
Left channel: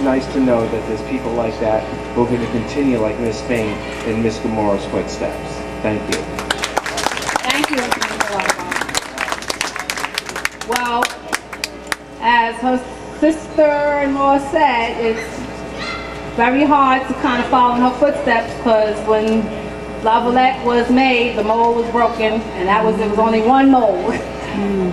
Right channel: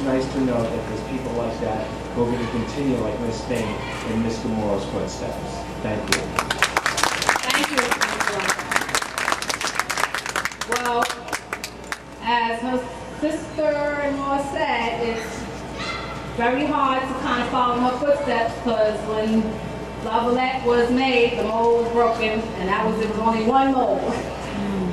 nice to know that there's people like that who are going to continue like Ms. Spain in Ms. Gamora's footsteps. Thank you. Thank you. Well, as her sister-in-law said, it's very hard to kind of follow in her footsteps, because when Lovelette was made, the mold was broken, and it was only one mold.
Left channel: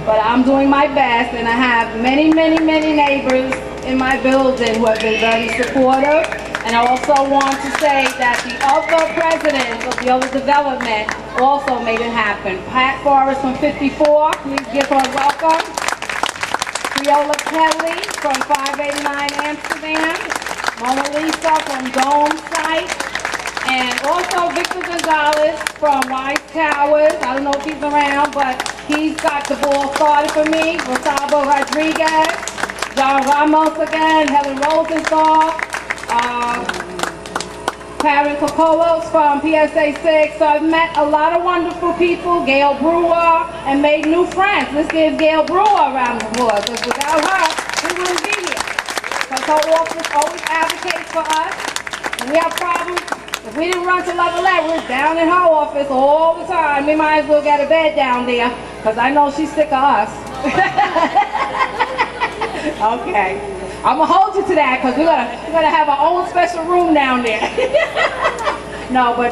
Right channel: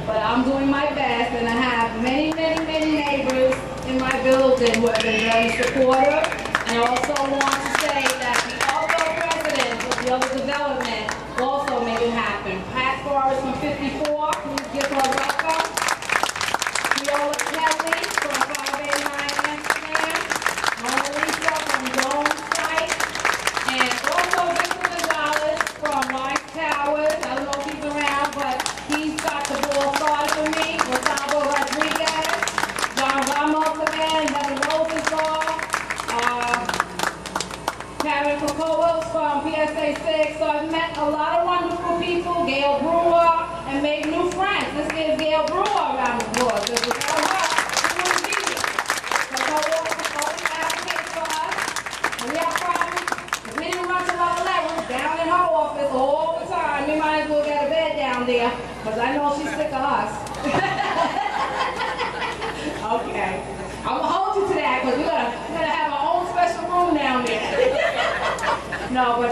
But I'm doing my best, and I have many, many, many neighbors in my building who have been very supportive. And I also want to say that the other presidents of the other development also made it happen. Pat Forrest from 54, please give her a welcome. Viola Kelly from 589 Amsterdam. Mona Lisa from Dome Site. And also Victor Gonzalez from Wise Towers. I don't know if he's around, but he's got the ball started for me. Gustavo Rodriguez, John Ramos again, Helen Rosenthal, Karen Kokolos from PSA 6. So I've met a lot of wonderful people, Gail Brewer, and made new friends. Let's give Gail Brewer a round of applause, because without her, we wouldn't be here. Because her office always advocates for us. When we have problems, If we didn't run to Levelette, we was down in her office all the time. We might as well get a bed down there, because I know she's sick of us. Okay. I'm going to hold you to that, because we're gonna have our own special room down there. No, but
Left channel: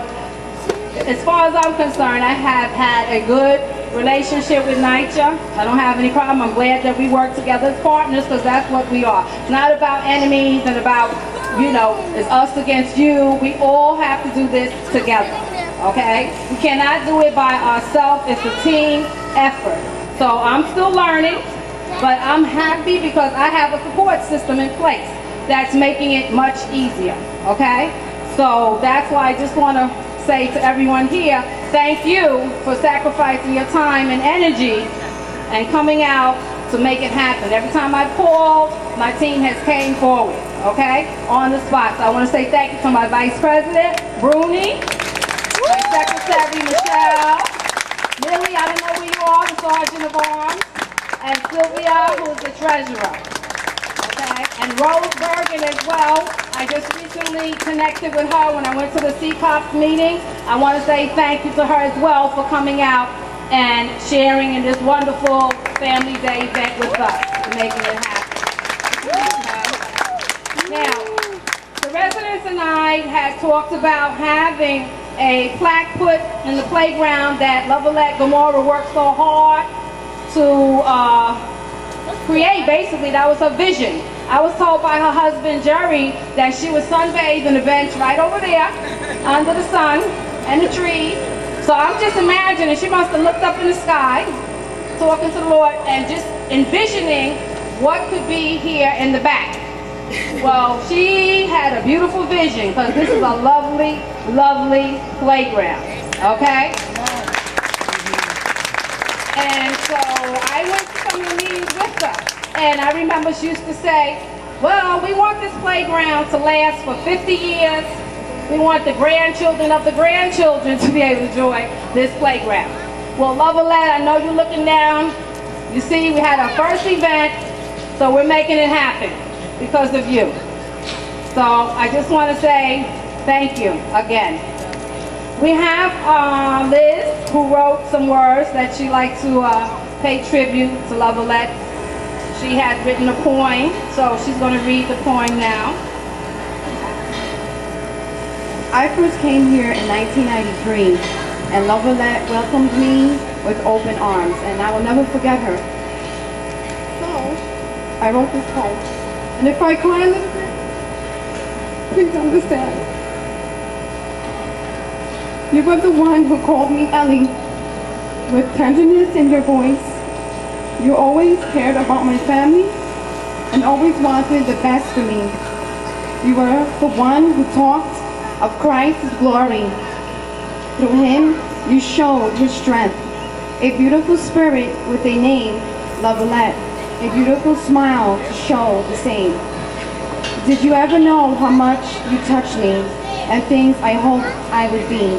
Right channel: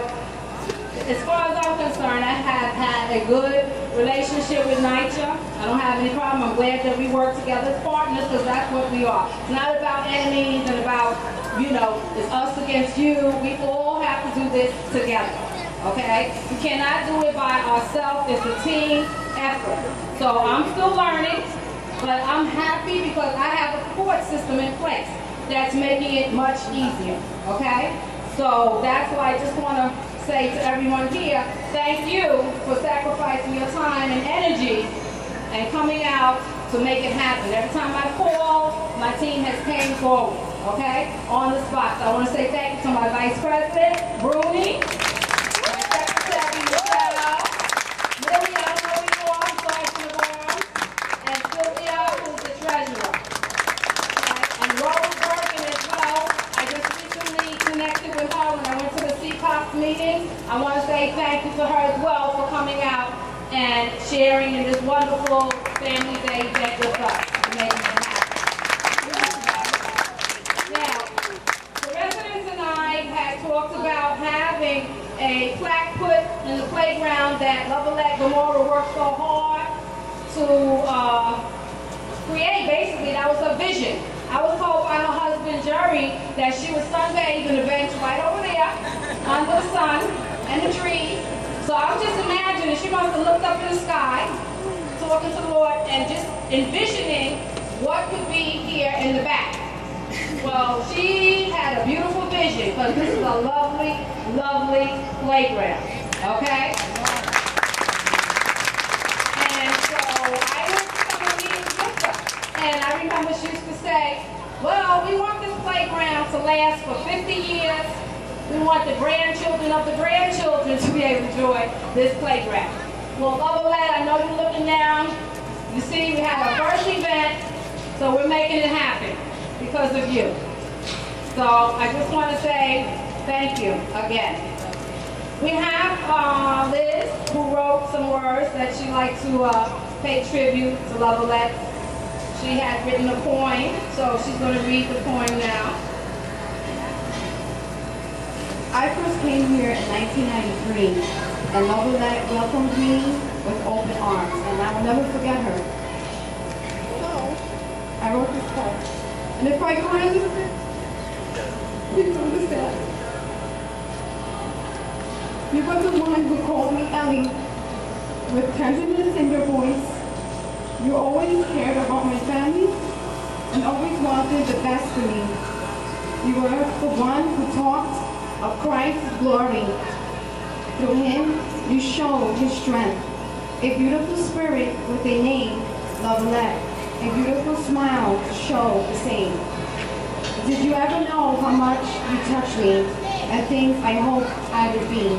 as far as I'm concerned, I have had a good relationship with NYCHA. I don't have any problem. I'm glad that we work together as partners, because that's what we are. It's not about enemies and about, you know, it's us against you. We all have to do this together, okay? We cannot do it by ourselves. It's a team effort. So I'm still learning, but I'm happy because I have a support system in place that's making it much easier, okay? So that's why I just want to say to everyone here, thank you for sacrificing your time and energy and coming out to make it happen. Every time I called, my team has came forward, okay, on the spot. So I want to say thank you to my Vice President, Bruni, my Secretary, Michelle, Lily, I don't know who you are, the Sergeant of Arms, and Sylvia, who's the Treasurer, okay, and Rose Bergen as well. I just recently connected with her when I went to the CPOP meeting. I want to say thank you to her as well for coming out and sharing in this wonderful Family Day event with us and making it happen. Okay. Now, the residents and I had talked about having a plaque put in the playground that Levelette Gomorrah worked so hard to create. Basically, that was her vision. I was told by her husband, Jerry, that she was sunbathed in the bench right over there, under the sun and the trees. So I'm just imagining, she must have looked up in the sky, talking to the Lord, and just envisioning what could be here in the back. Well, she had a beautiful vision, because this is a lovely, lovely playground, okay? And so I went to some of the meetings with her. And I remember she used to say, well, we want this playground to last for 50 years. We want the grandchildren of the grandchildren to be able to enjoy this playground. Well, Levelette, I know you're looking down. You see, we had our first event, so we're making it happen because of you. So I just want to say thank you again. We have Liz, who wrote some words that she'd like to pay tribute to Levelette. She had written a poem, so she's going to read the poem now. I first came here in 1993, and Levelette welcomed me with open arms, and I will never forget her. So, I wrote this poem, and if I cry a little bit, please understand. You were the one who called me Ellie, with tenderness in your voice. You always cared about my family and always wanted the best for me. You were the one who talked of Christ's glory. Through him, you showed his strength. A beautiful spirit with a name, Levelette. A beautiful smile to show the same. Did you ever know how much you touched me and things I hoped I would be?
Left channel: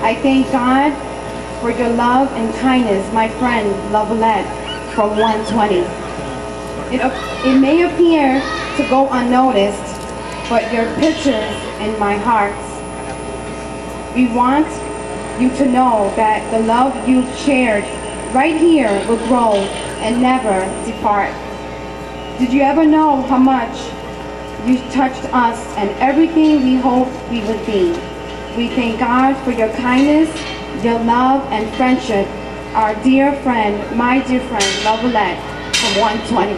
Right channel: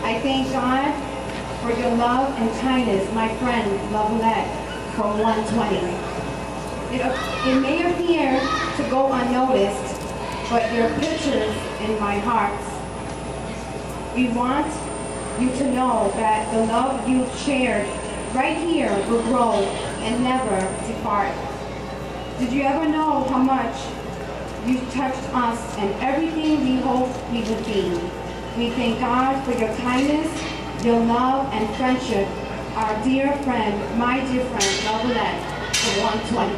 I thank God for your love and kindness, my friend Levelette. From 120. It may appear to go unnoticed, but your pictures in my heart. We want you to know that the love you shared right here will grow and never depart. Did you ever know how much you touched us and everything we hoped we would be? We thank God for your kindness, your love and friendship. Our dear friend, my dear friend, Levelette, from 120.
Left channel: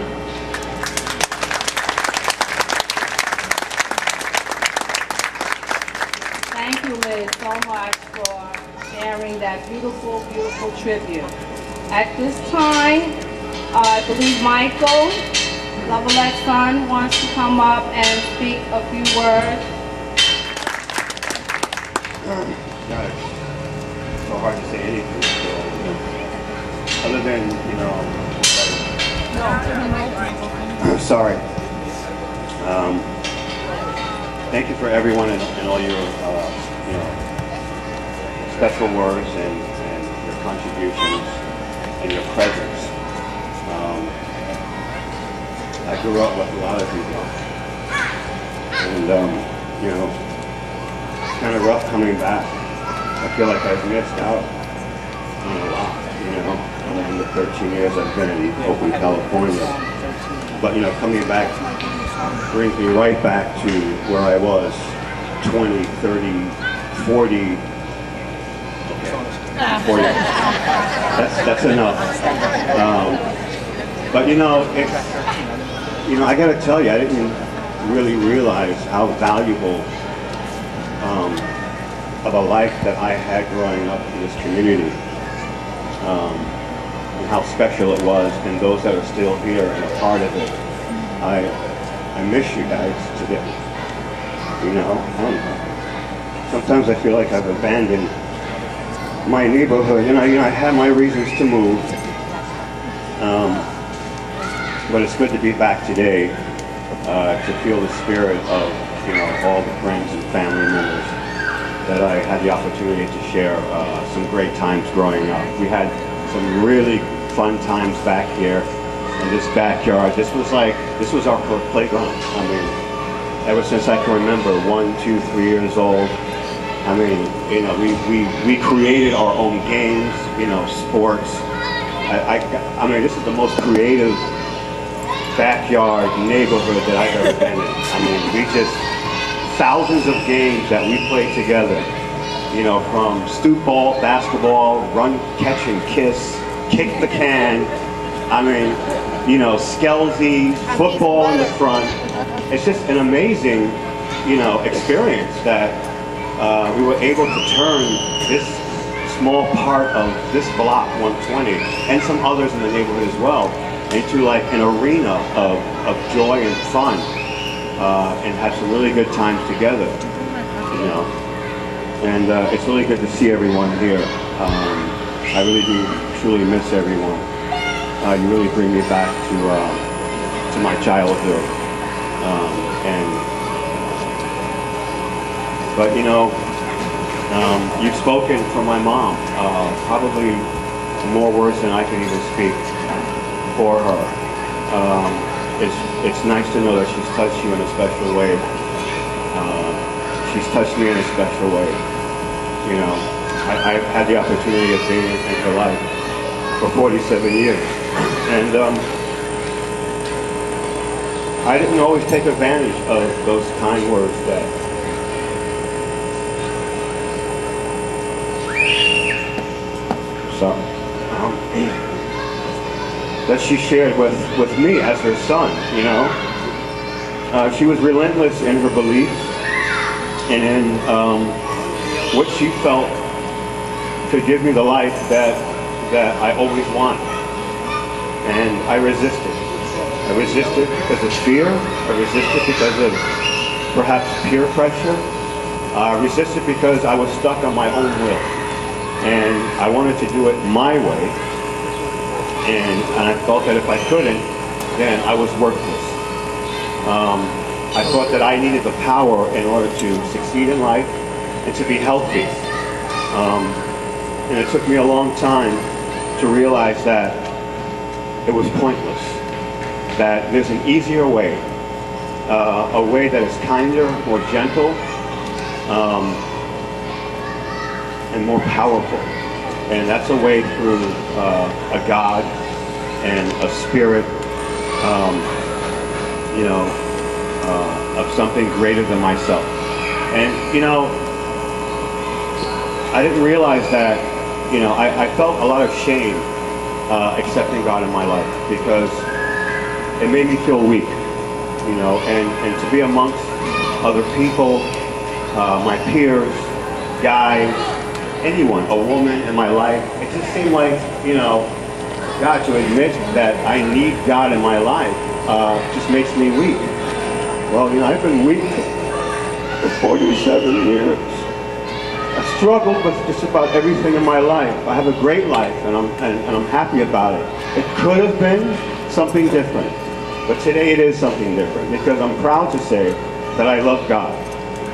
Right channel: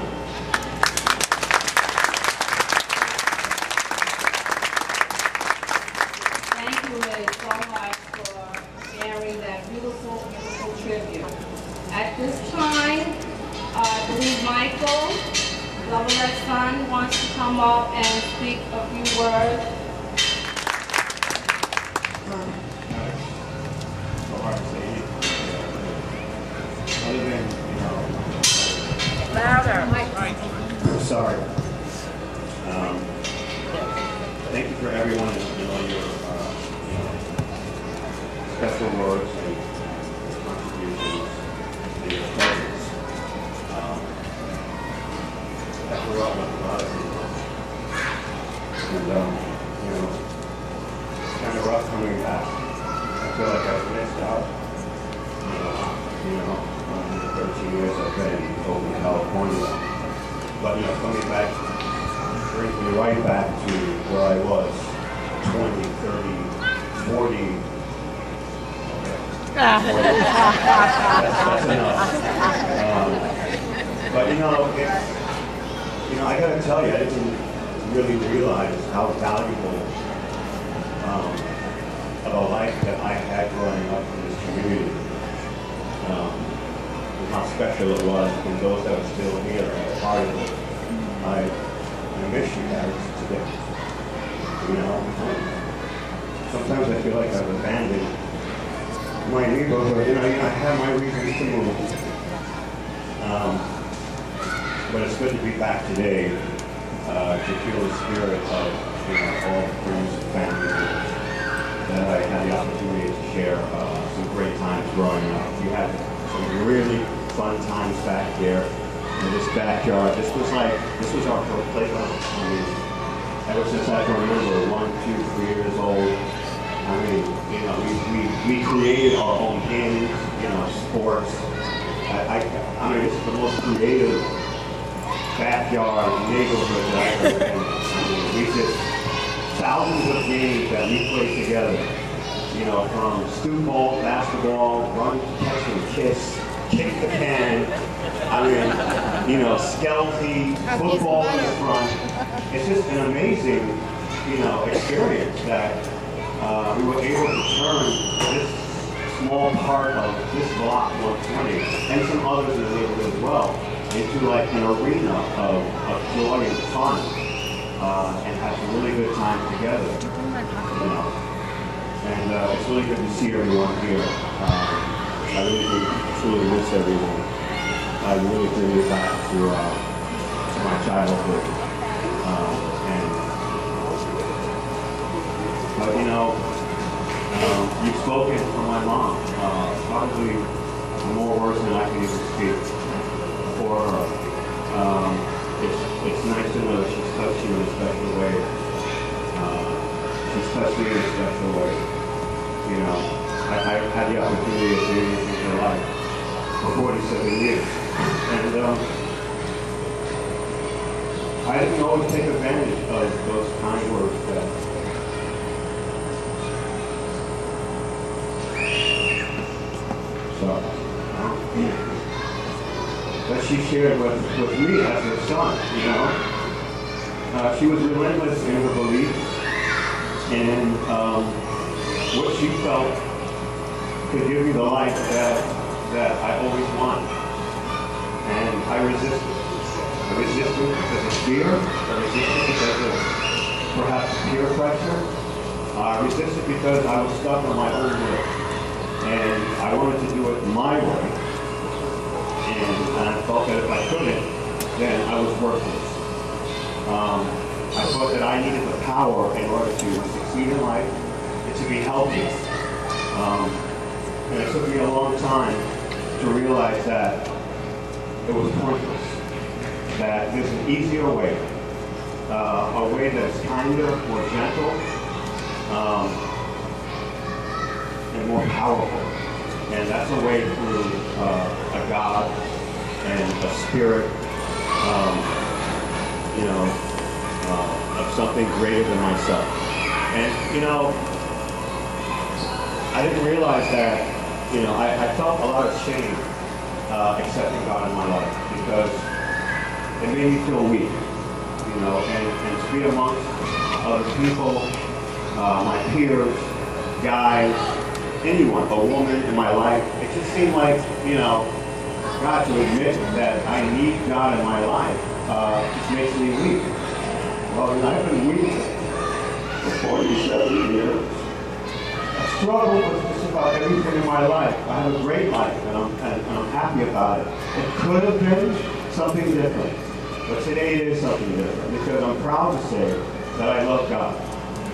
Thank you, Liz, so much for sharing that beautiful, beautiful tribute. At this time, I believe Michael, Levelette's son, wants to come up and speak a few words. Guys, it's so hard to say anything. Other than, you know, sorry. Thank you for everyone and all your, you know, special words and your contributions and your presence. I grew up with a lot of people, and you know, it's kind of rough coming back, I feel like I've missed out, in the 13 years I've been in Oakland, California. But, coming back brings me right back to where I was 20, 30, 40. That's enough. But I got to tell you, I didn't really realize how valuable of a life that I had growing up in this community, and how special it was, and those that are still here and a part of it. I miss you guys today. Sometimes I feel like I've abandoned my neighborhood, and I had my reasons to move. But it's good to be back today, to feel the spirit of all the friends and family members that I had the opportunity to share some great times growing up. We had some really fun times back here in this backyard. This was our playground. I mean, ever since I can remember, 1, 2, 3 years old. I mean, we created our own games, sports. I mean, this is the most creative backyard neighborhood that I've ever been in. I mean, thousands of games that we played together. From stoop ball, basketball, run, catch and kiss, kick the can. I mean, Skelzy, football in the front. It's just an amazing, experience that we were able to turn this small part of this block 120 and some others in the neighborhood as well into like an arena of joy and fun, and had some really good times together. And it's really good to see everyone here. I really do truly miss everyone. You really bring me back to my childhood. But you've spoken for my mom, probably more words than I can even speak for her. It's nice to know that she's touched you in a special way. She's touched me in a special way. I've had the opportunity of being in her life for 47 years. And I didn't always take advantage of those kind words that she shared with me as her son, She was relentless in her beliefs and in what she felt could give me the life that I always wanted. And I resisted. I resisted because of fear. I resisted because of perhaps peer pressure. I resisted because I was stuck on my own will. And I wanted to do it my way. And I felt that if I couldn't, then I was worthless. I thought that I needed the power in order to succeed in life and to be healthy. And it took me a long time to realize that it was pointless, that there's an easier way, a way that is kinder, more gentle, and more powerful. And that's a way through a God and a spirit, of something greater than myself. And, I didn't realize that, I felt a lot of shame accepting God in my life because it made me feel weak, and to be amongst other people, my peers, guys, anyone, a woman in my life, it just seemed like, God, to admit that I need God in my life just makes me weak. Well, I've been weak for 47 years. I struggled with just about everything in my life. I have a great life, and I'm happy about it. It could have been something different, but today it is something different because I'm proud to say that I love God,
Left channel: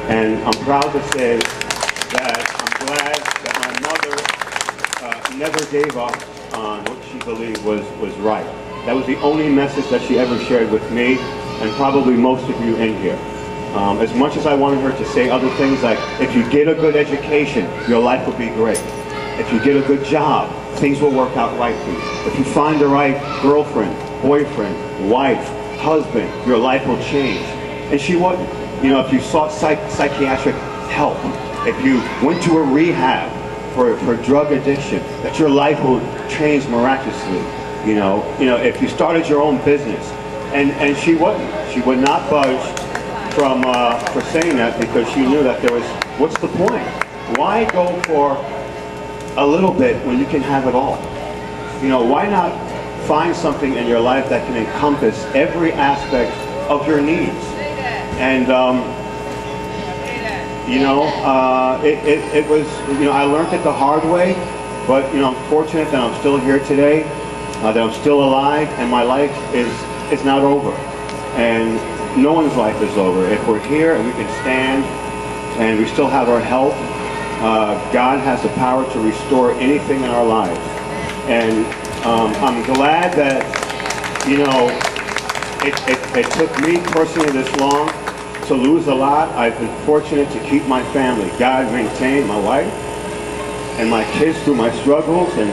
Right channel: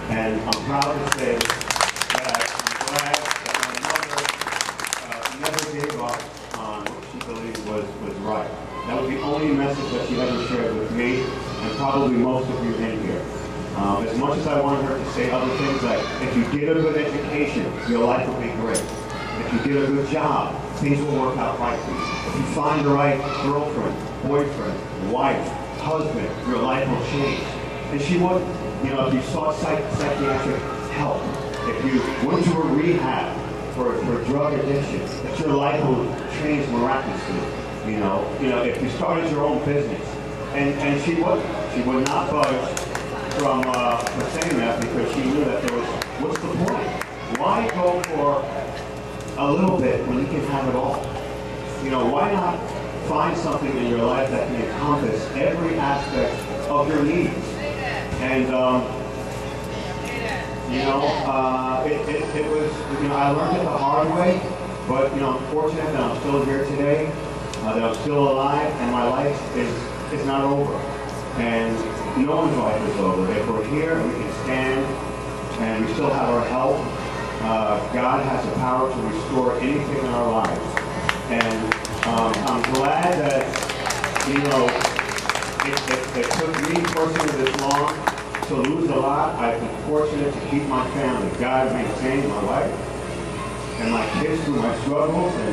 and I'm proud to say that I'm glad that my mother never gave up on what she believed was right. That was the only message that she ever shared with me, and probably most of you in here. As much as I wanted her to say other things like, if you get a good education, your life will be great. If you get a good job, things will work out right for you. If you find the right girlfriend, boyfriend, wife, husband, your life will change. And she wouldn't. You know, if you sought psychiatric help, if you went to a rehab for drug addiction, that your life will change miraculously. You know, if you started your own business, and she wouldn't. She would not budge from for saying that, because she knew that there was, what's the point? Why go for a little bit when you can have it all? You know, why not find something in your life that can encompass every aspect of your needs? And it was, you know, I learned it the hard way, but you know, I'm fortunate that I'm still here today, that I'm still alive, and my life is not over. And no one's life is over. If we're here and we can stand and we still have our health, God has the power to restore anything in our lives. And I'm glad that, you know, it took me personally this long to lose a lot. I've been fortunate to keep my family. God maintained my wife and my kids through my struggles and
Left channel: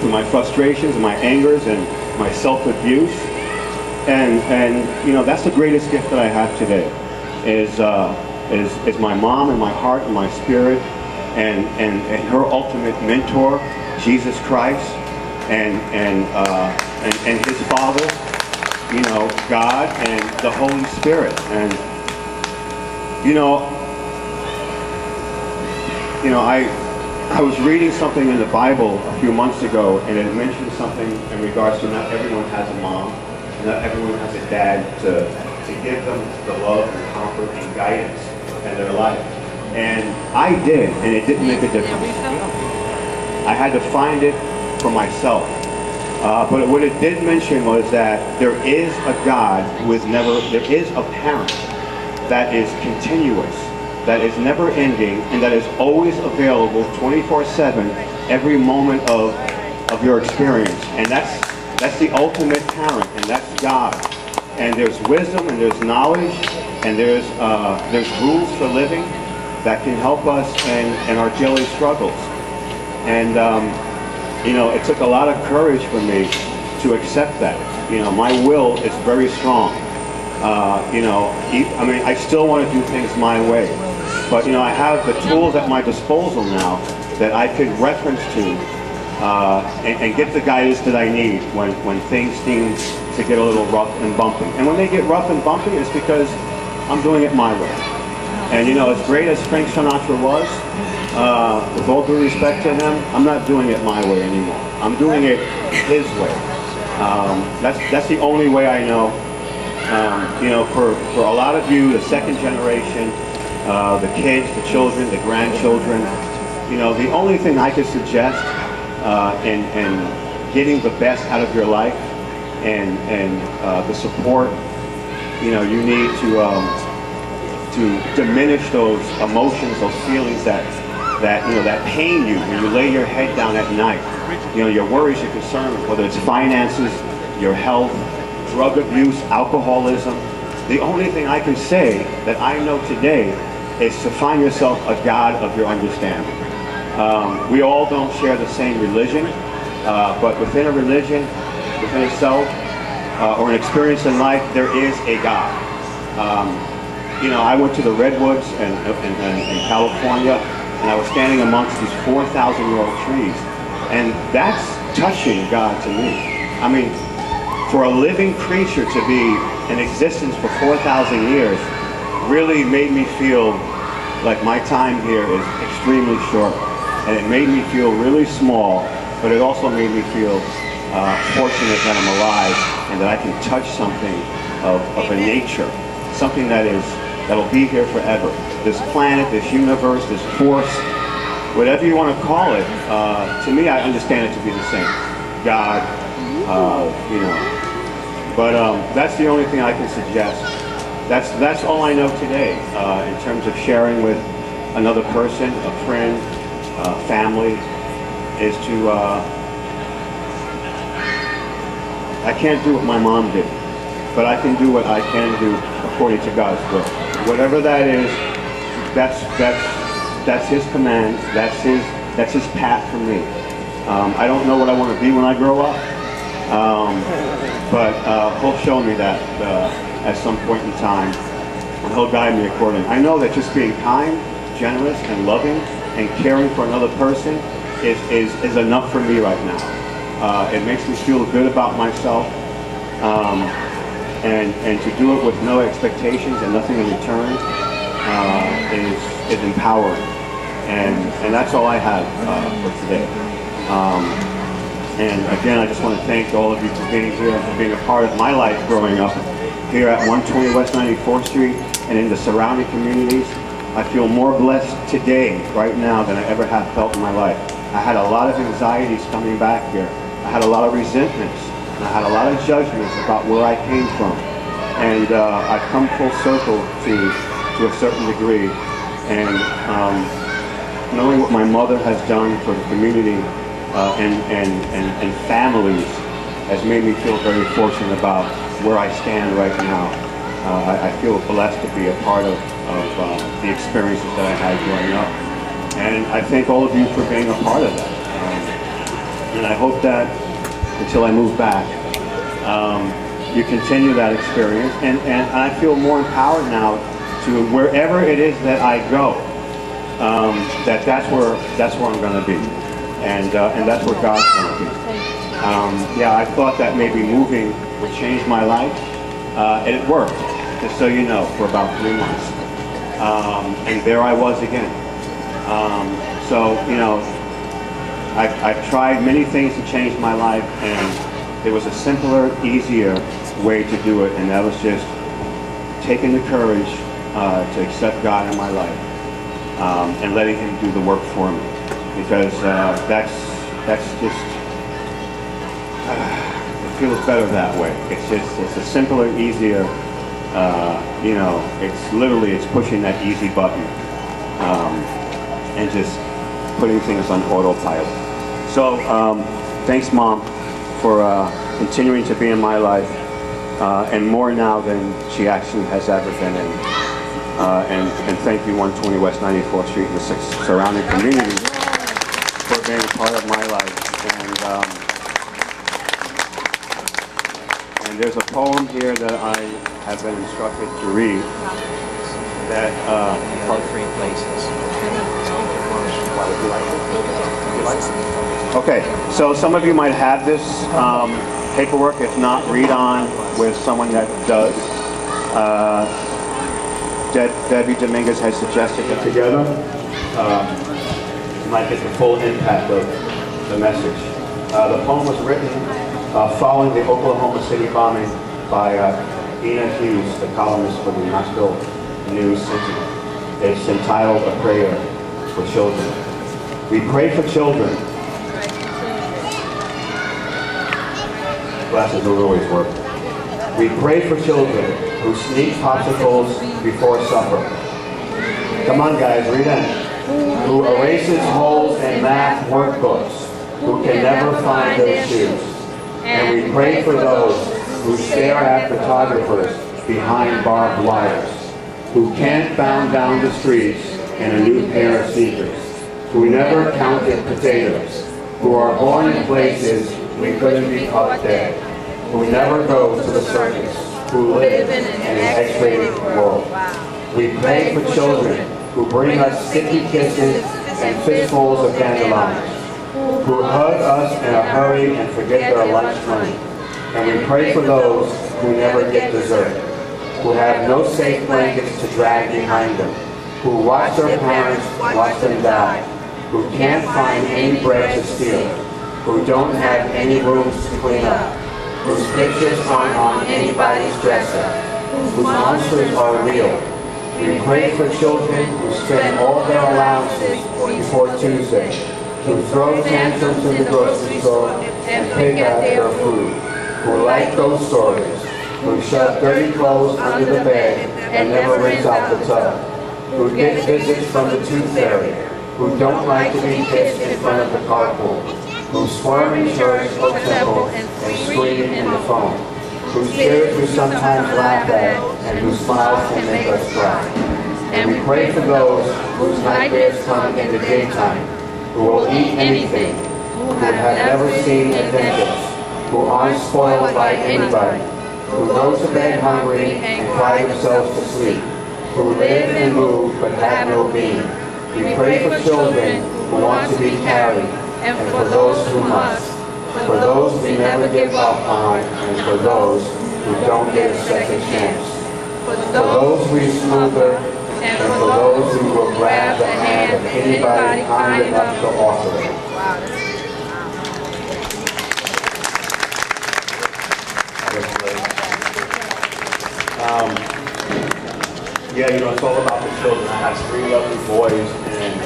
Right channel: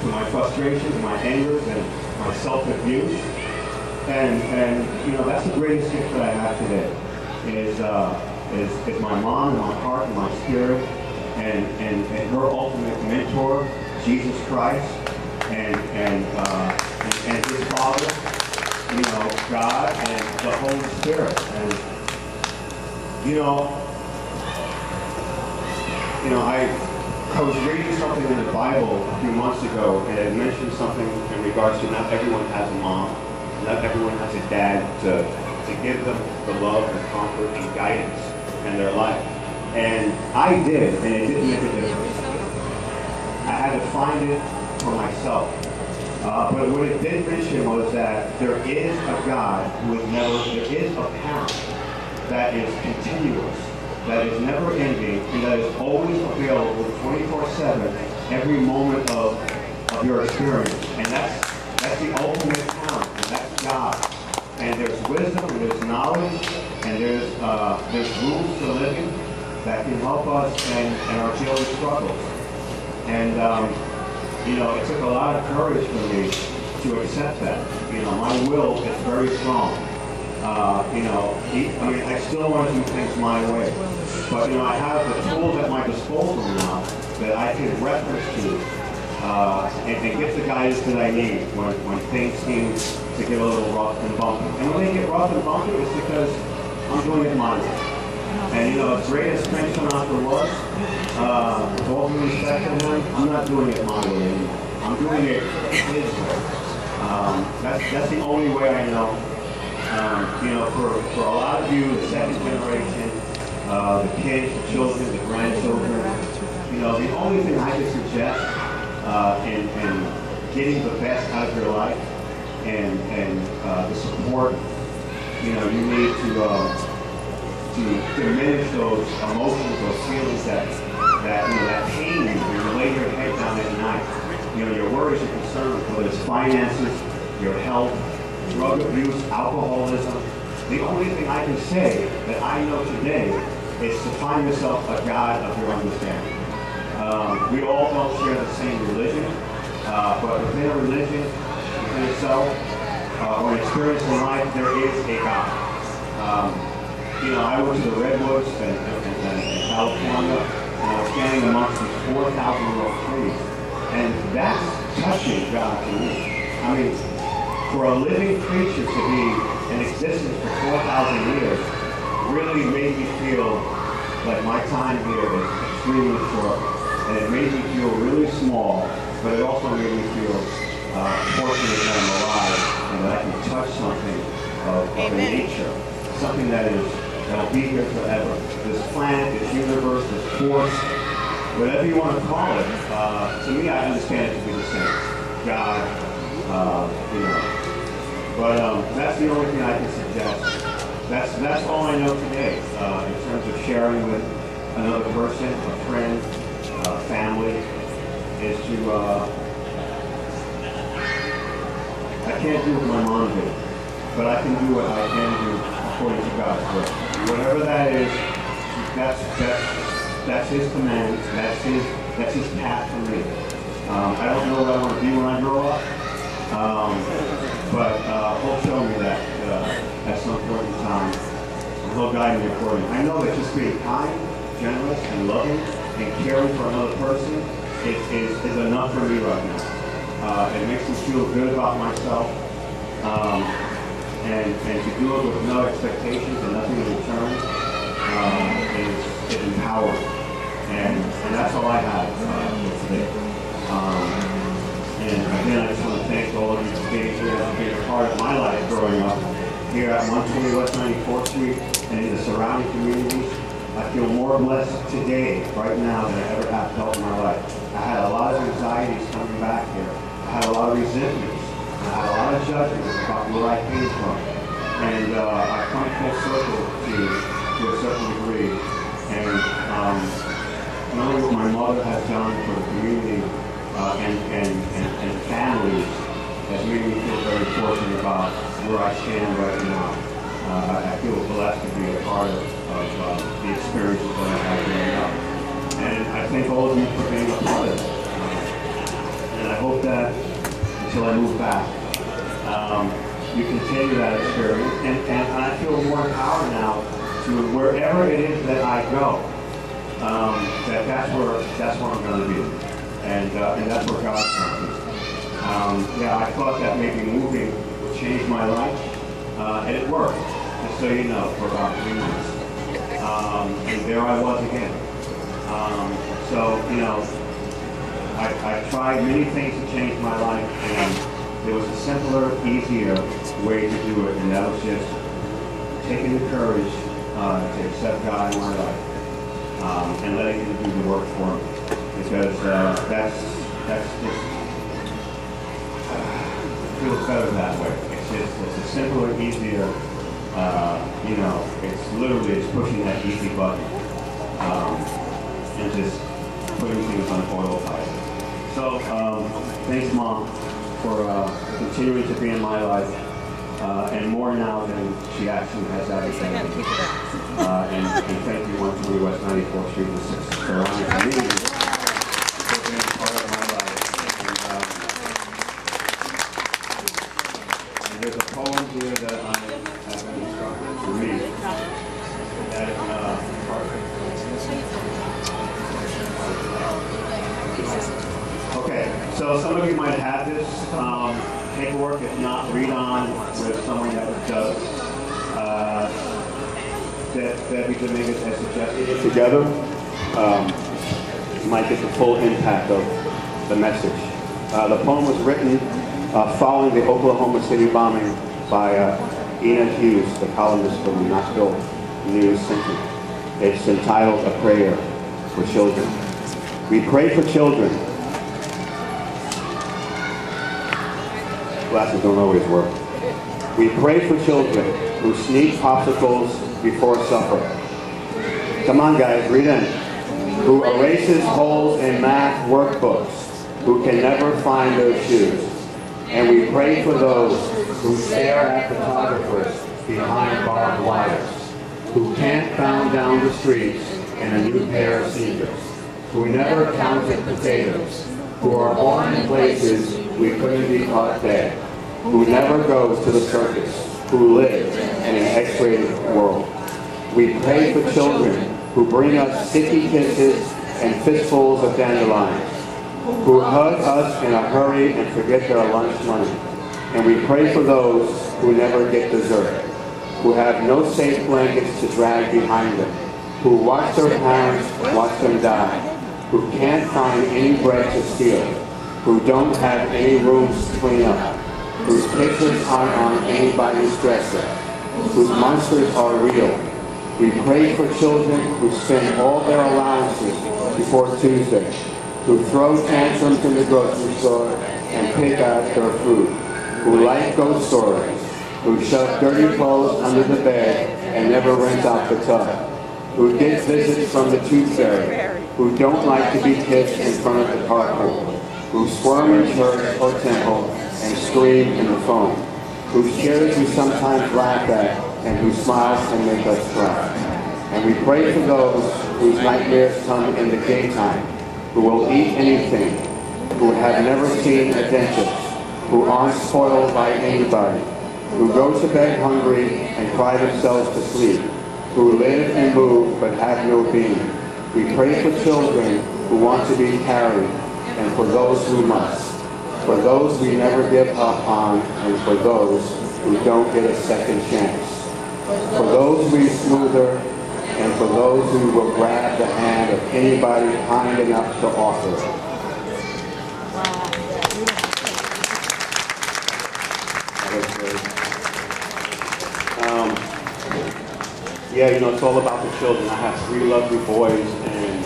through my frustrations and my angers and my self-abuse. And you know, that's the greatest gift that I have today, is my mom and my heart and my spirit, and her ultimate mentor, Jesus Christ, and his Father, you know, God, and the Holy Spirit. And you know, I was reading something in the Bible a few months ago, and it mentioned something in regards to not everyone has a mom. Not everyone has a dad to give them the love and comfort and guidance in their life. And I did, and it didn't make a difference. I had to find it for myself. But what it did mention was that there is a God who is there is a parent that is continuous, that is never ending, and that is always available 24/7 every moment of your experience. And that's the ultimate parent, and that's God. And there's wisdom, and there's knowledge, and there's rules for living that can help us in our daily struggles. And you know, it took a lot of courage for me to accept that. You know, my will is very strong. You know, I mean, I still want to do things my way, but you know, I have the tools at my disposal now that I could reference to. And get the guidance that I need when things seem to get a little rough and bumpy. And when they get rough and bumpy, it's because I'm doing it my way. And you know, as great as Frank Sinatra was, with all due respect to him, I'm not doing it my way anymore. I'm doing it his way. That's the only way I know. You know, for a lot of you, the second generation, the kids, the children, the grandchildren, you know, the only thing I could suggest and getting the best out of your life and the support, you know, you need to diminish those emotions, those feelings that pain you when you lay your head down at night. You know, your worries, your concerns, whether it's finances, your health, drug abuse, alcoholism. The only thing I can say that I know today is to find yourself a God of your understanding. We all don't share the same religion, but within a religion, within itself, or an experience in life, there is a God. You know, I went to the Redwoods in California, and I was standing amongst these 4,000-year-old trees, and that's touching God to me. I mean, for a living creature to be in existence for 4,000 years really made me feel like my time here is extremely short. And it made me feel really small, but it also made me feel fortunate that I'm alive and that I can touch something of a nature, something that'll be here forever. This planet, this universe, this force, whatever you want to call it, to me, I understand it to be the same. God, you know. But that's the only thing I can suggest. That's all I know today in terms of sharing with another person, a friend, family, is to, I can't do what my mom did, but I can do what I can do according to God's will. Whatever that is, that's His command. That's His path for me. I don't know what I want to be when I grow up, but He'll show me that at some point in time, and He'll guide me accordingly. I know that just being kind, generous, and loving, and caring for another person is enough for me right now. It makes me feel good about myself, and to do it with no expectations and nothing in return is empowering. And that's all I have for today. And again, I just want to thank all of you for being here and being a part of my life growing up here at 120 West 94th Street and in the surrounding communities. I feel more blessed today, right now, than I ever have felt in my life. I had a lot of anxieties coming back here. I had a lot of resentments. I had a lot of judgments about where I came from. And I've come full circle to a certain degree. And knowing what my mother has done for the community and families has made me feel very fortunate about where I stand right now. I feel blessed to be a part of the experiences that I had growing up. And I thank all of you for being a part of that. And I hope that until I move back, you continue that experience. And I feel more empowered now to wherever it is that I go, that's where I'm going to be. And that's where God's going to be. Yeah, I thought that maybe moving would change my life. And it worked, just so you know, for about 3 months. And there I was again. So, you know, I've tried many things to change my life, and there was a simpler, easier way to do it, and that was just taking the courage to accept God in my life and letting Him do the work for me. Because that's just, it feels better that way. It's a simpler, easier, you know, it's pushing that easy button and just putting things on autopilot. So thanks, Mom, for continuing to be in my life, and more now than she actually has ever been in. And thank you, 120 West 94th Street and the 6 surrounding communities for being a part of my life. And there's a poem here that I have been instructed to read that okay, so some of you might have this paperwork. If not, read on with someone that does. Debbie Dominguez has suggested that together might get the full impact of the message. The poem was written following the Oklahoma City bombing by Ian Hughes, the columnist for the Knoxville News. It's entitled A Prayer for Children. We pray for children. Glasses don't always work. We pray for children who sneak popsicles before supper. Come on, guys, read in. Who erases holes in math workbooks, who can never find their shoes. And we pray for those who stare at photographers behind barbed wires, who can't bound down the streets in a new pair of sneakers, who never counted potatoes, who are born in places we couldn't be caught dead, who never go to the circus, who live in an X-rated world. We pray for children who bring us sticky kisses and fistfuls of dandelions, who hug us in a hurry and forget their lunch money. And we pray for those who never get dessert, who have no safe blankets to drag behind them, who watch their parents watch them die, who can't find any bread to steal, who don't have any rooms to clean up, whose pictures aren't on anybody's dresser, whose monsters are real. We pray for children who spend all their allowances before Tuesday, who throw tantrums in the grocery store and pick out their food, who like ghost stories, who shove dirty clothes under the bed and never rinse out the tub, who get visits from the tooth fairy, who don't like to be kissed in front of the carpool, who squirm in church or temple and scream in the phone, whose tears we sometimes laugh at, and whose smiles can make us cry. And we pray for those whose nightmares come in the daytime, who will eat anything, who have never seen adventure, who aren't spoiled by anybody, who go to bed hungry and cry themselves to sleep, who live and move but have no being. We pray for children who want to be carried, and for those who must, for those we never give up on, and for those who don't get a second chance, for those we smother, and for those who will grab the hand of anybody kind enough to offer it. Yeah, you know, it's all about the children. I have 3 lovely boys, and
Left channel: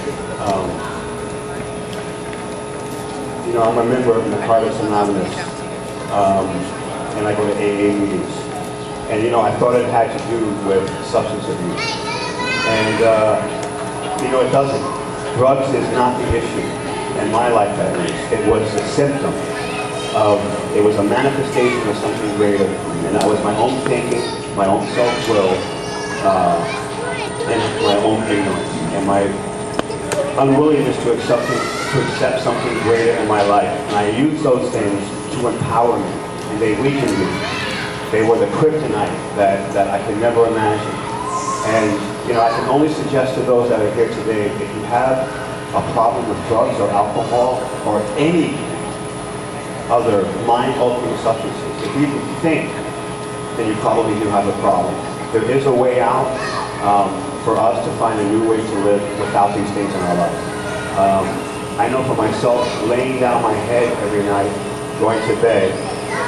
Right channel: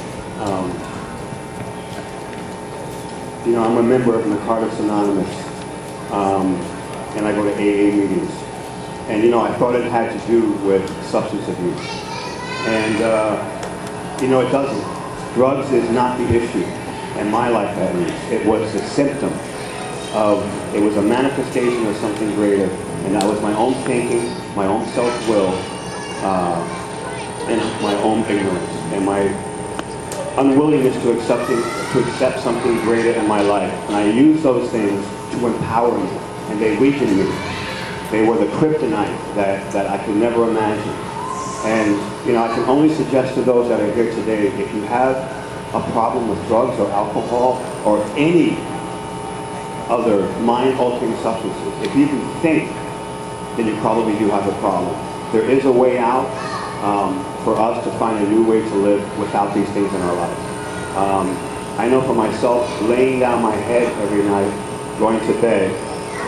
you know, I'm a member of Narcotics Anonymous, and I go to AA meetings. And you know, I thought it had to do with substance abuse, and you know, it doesn't. Drugs is not the issue in my life. That is, it was a symptom of. It was a manifestation of something greater, and that was my own thinking, my own self-will. And my own ignorance and my unwillingness to accept something greater in my life. And I use those things to empower me, and they weakened me. They were the kryptonite that I could never imagine. And you know, I can only suggest to those that are here today, if you have a problem with drugs or alcohol or any other mind-altering substances, if you can think, then you probably do have a problem. There is a way out for us to find a new way to live without these things in our life. I know for myself, laying down my head every night, going to bed,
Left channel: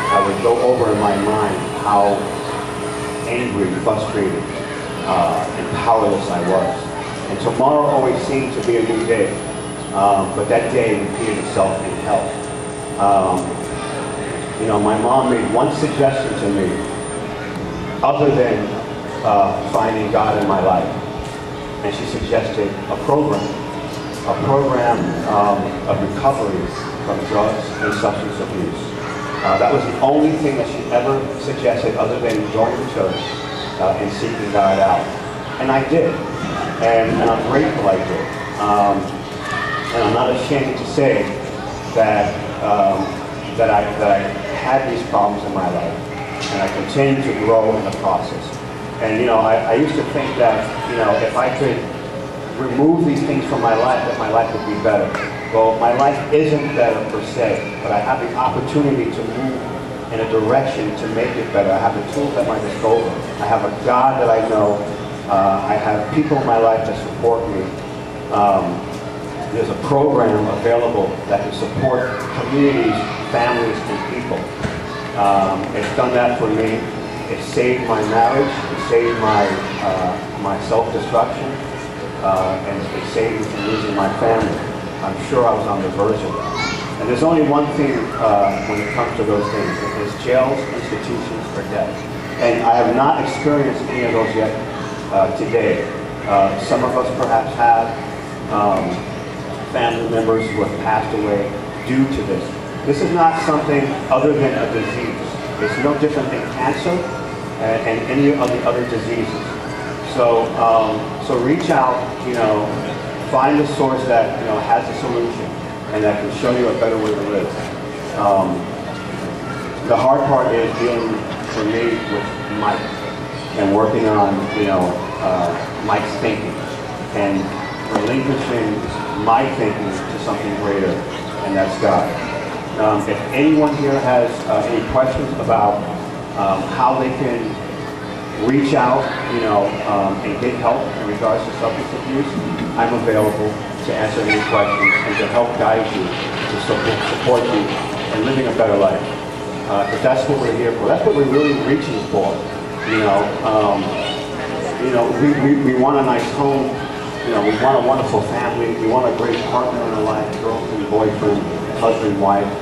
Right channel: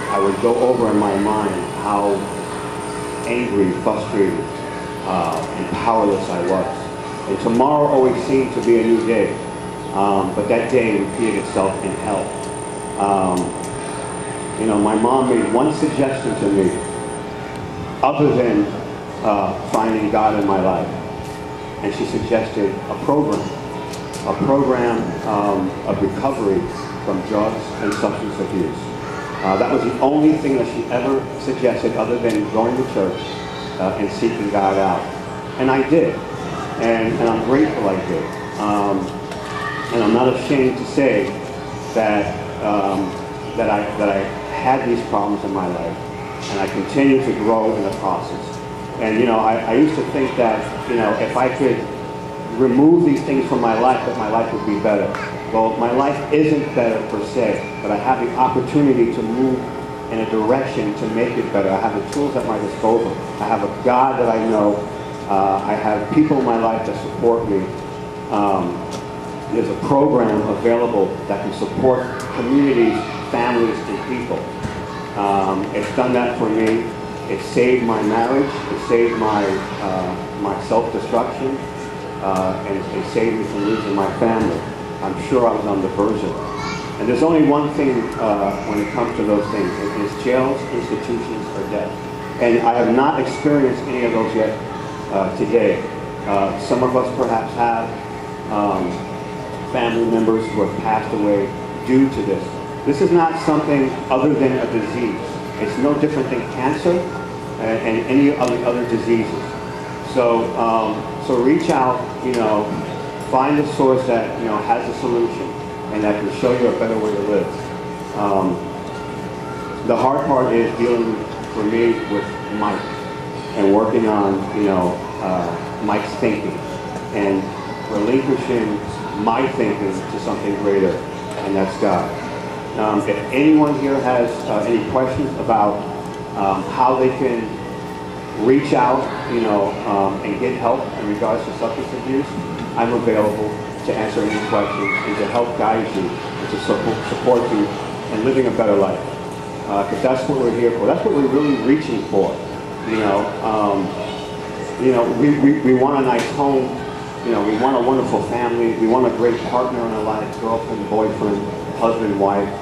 I would go over in my mind how angry, frustrated, and powerless I was. And tomorrow always seemed to be a new day, but that day would be itself in hell. You know, my mom made one suggestion to me, other than finding God in my life, and she suggested a program of recovery from drugs and substance abuse. That was the only thing that she ever suggested, other than going to church and seeking God out. And I did, and I'm grateful I did. And I'm not ashamed to say that I had these problems in my life, and I continue to grow in the process. And you know, I used to think that, you know, if I could remove these things from my life, that my life would be better. Well, my life isn't better per se, but I have the opportunity to move in a direction to make it better. I have the tools at my disposal. I have a God that I know. I have people in my life that support me. There's a program available that can support communities, families, and people. It's done that for me. It saved my marriage. It saved my self-destruction. And it saved me from losing my family. I'm sure I was on the verge of it. And there's only one thing when it comes to those things. It is jails, institutions for death. And I have not experienced any of those yet today. Some of us perhaps have family members who have passed away due to this. This is not something other than a disease. It's no different than cancer and any other diseases. So, so reach out, you know, find a source that, you know, has a solution and that can show you a better way to live. The hard part is dealing for me with Mike and working on, you know, Mike's thinking and relinquishing my thinking to something greater, and that's God. If anyone here has any questions about how they can reach out, you know, and get help in regards to substance abuse, I'm available to answer any questions and to help guide you, to support you in living a better life. Because that's what we're here for. That's what we're really reaching for. You know, we want a nice home. You know, we want a wonderful family. We want a great partner in our life, girlfriend, boyfriend, husband, wife.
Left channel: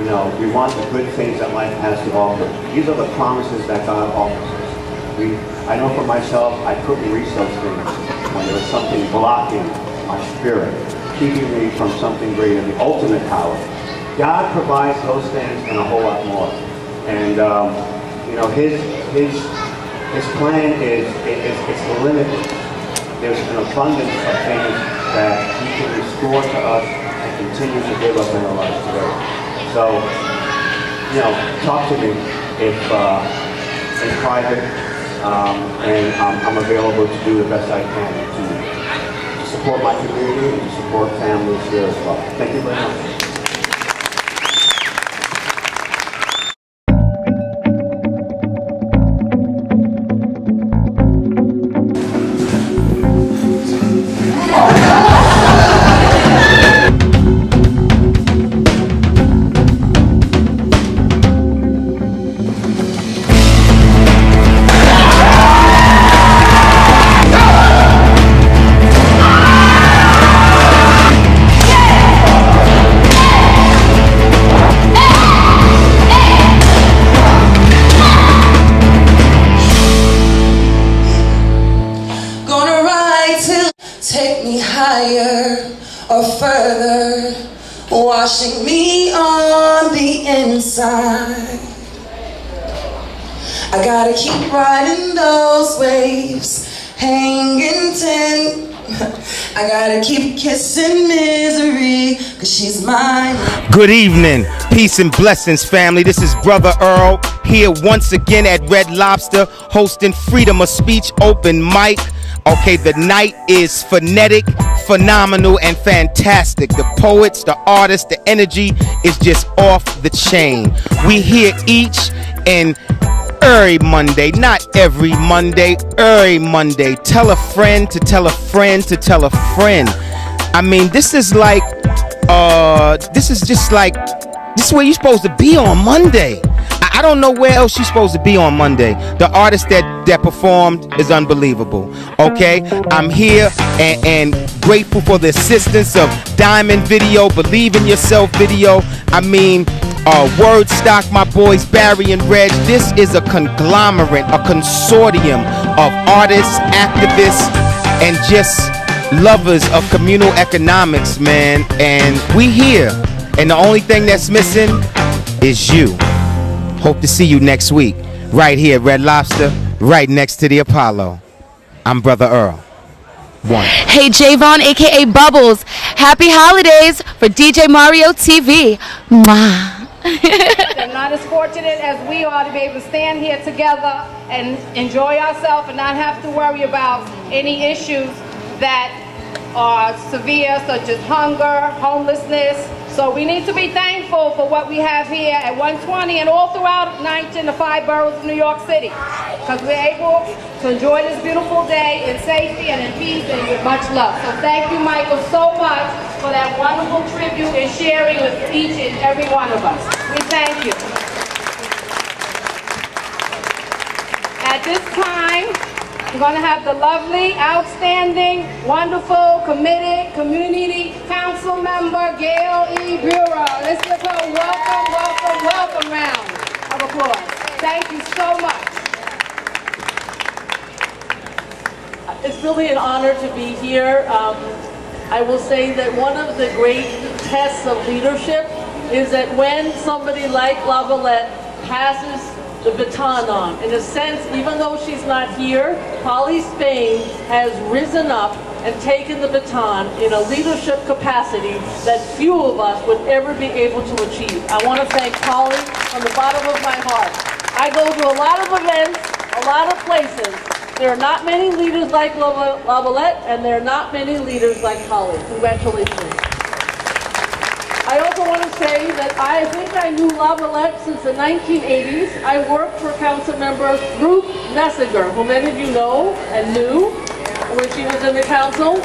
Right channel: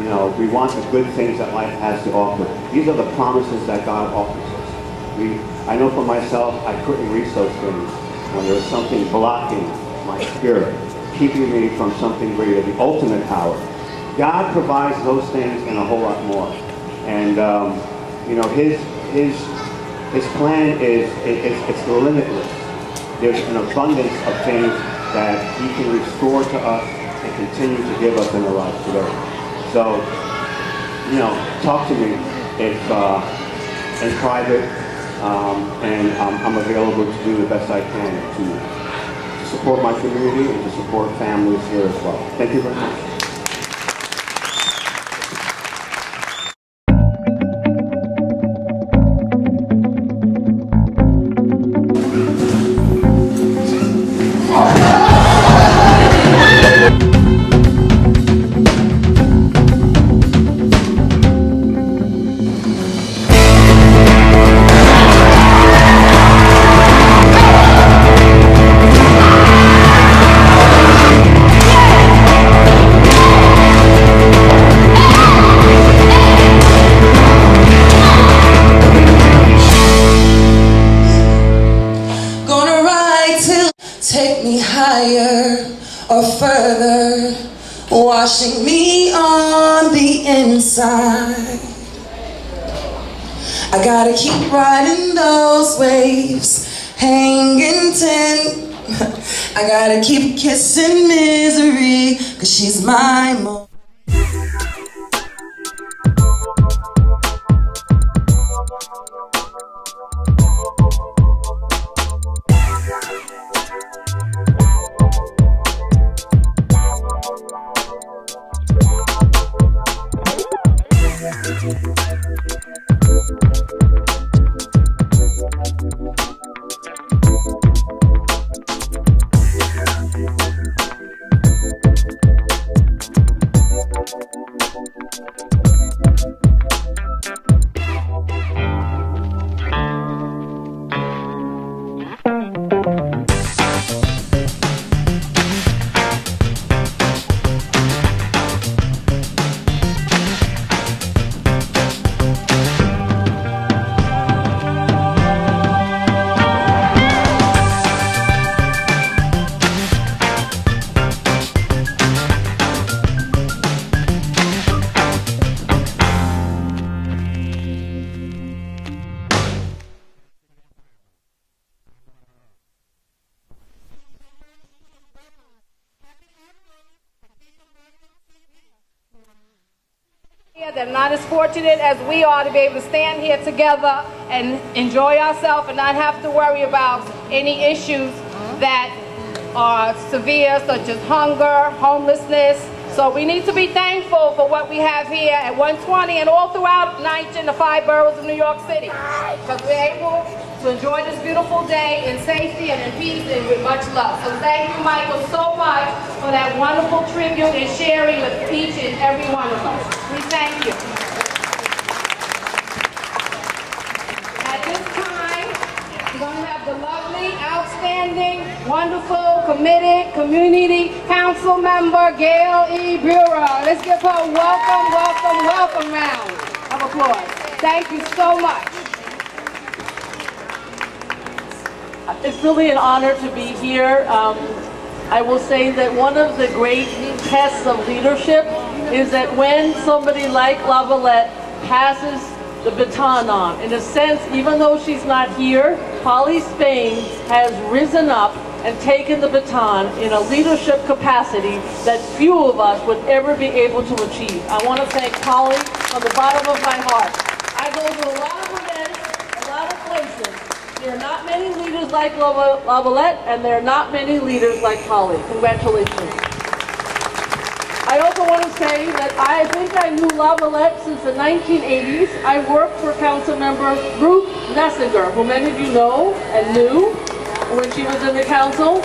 You know, we want the good things that life has to offer. These are the promises that God offers us. I know for myself, I couldn't reach those things when there was something blocking my spirit, keeping me from something greater, the ultimate power. God provides those things and a whole lot more. And you know, his planet is limited. There's an abundance of things that he can restore to us and continue to give us in our lives together. So, you know, talk to me if in private, and I'm available to do the best I can to support my community and support families here as well. Thank you very much. Or further, washing me on the inside. I gotta keep riding those waves, hanging ten. I gotta keep kissing misery, cause she's mine. Good evening, peace and blessings, family. This is Brother Earl, here once again at Red Lobster, hosting Freedom of Speech Open Mic. Okay, the night is phonetic, phenomenal, and fantastic. The poets, the artists, the energy is just off the chain. We here each and every Monday, not every Monday, every Monday. Tell a friend to tell a friend to tell a friend. I mean, this is like, this is where you're supposed to be on Monday. I don't know where else you're supposed to be on Monday. The artist that performed is unbelievable. Okay, I'm here and grateful for the assistance of Diamond Video, Believe in Yourself Video. I mean, Word Stock, my boys Barry and Red. This is a conglomerate, a consortium of artists, activists, and just lovers of communal economics, man. And we here, and the only thing that's missing is you. Hope to see you next week, right here at Red Lobster, right next to the Apollo. I'm Brother Earl. One. Hey, Javon, a.k.a. Bubbles. Happy holidays for DJ Mario TV. Mwah. Not as fortunate as we are to be able to stand here together and enjoy ourselves and not have to worry about any issues that are severe, such as hunger, homelessness. So we need to be thankful for what we have here at 120 and all throughout NYCHA and the 5 boroughs of New York City. Because we're able to enjoy this beautiful day in safety and in peace and with much love. So thank you, Michael, so much for that wonderful tribute and sharing with each and every one of us. We thank you. At this time, we're going to have the lovely, outstanding, wonderful, committed community council member, Gail E. Bureau. Let's give her a welcome round of applause. Thank you so much. It's really an honor to be here. I will say that one of the great tests of leadership is that when somebody like Lavalette passes the baton on. In a sense, even though she's not here, Polly Spain has risen up and taken the baton in a leadership capacity that few of us would ever be able to achieve. I want to thank Polly from the bottom of my heart. I go to a lot of events, a lot of places. There are not many leaders like Lavalette, and there are not many leaders like Polly. Congratulations. I also want to say that I think I knew Lavalette since the 1980s. I worked for Councilmember Ruth Messinger, who many of you know and knew when she was in the council.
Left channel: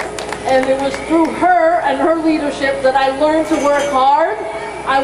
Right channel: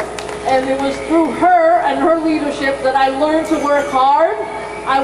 And it was through her and her leadership that I learned to work hard. I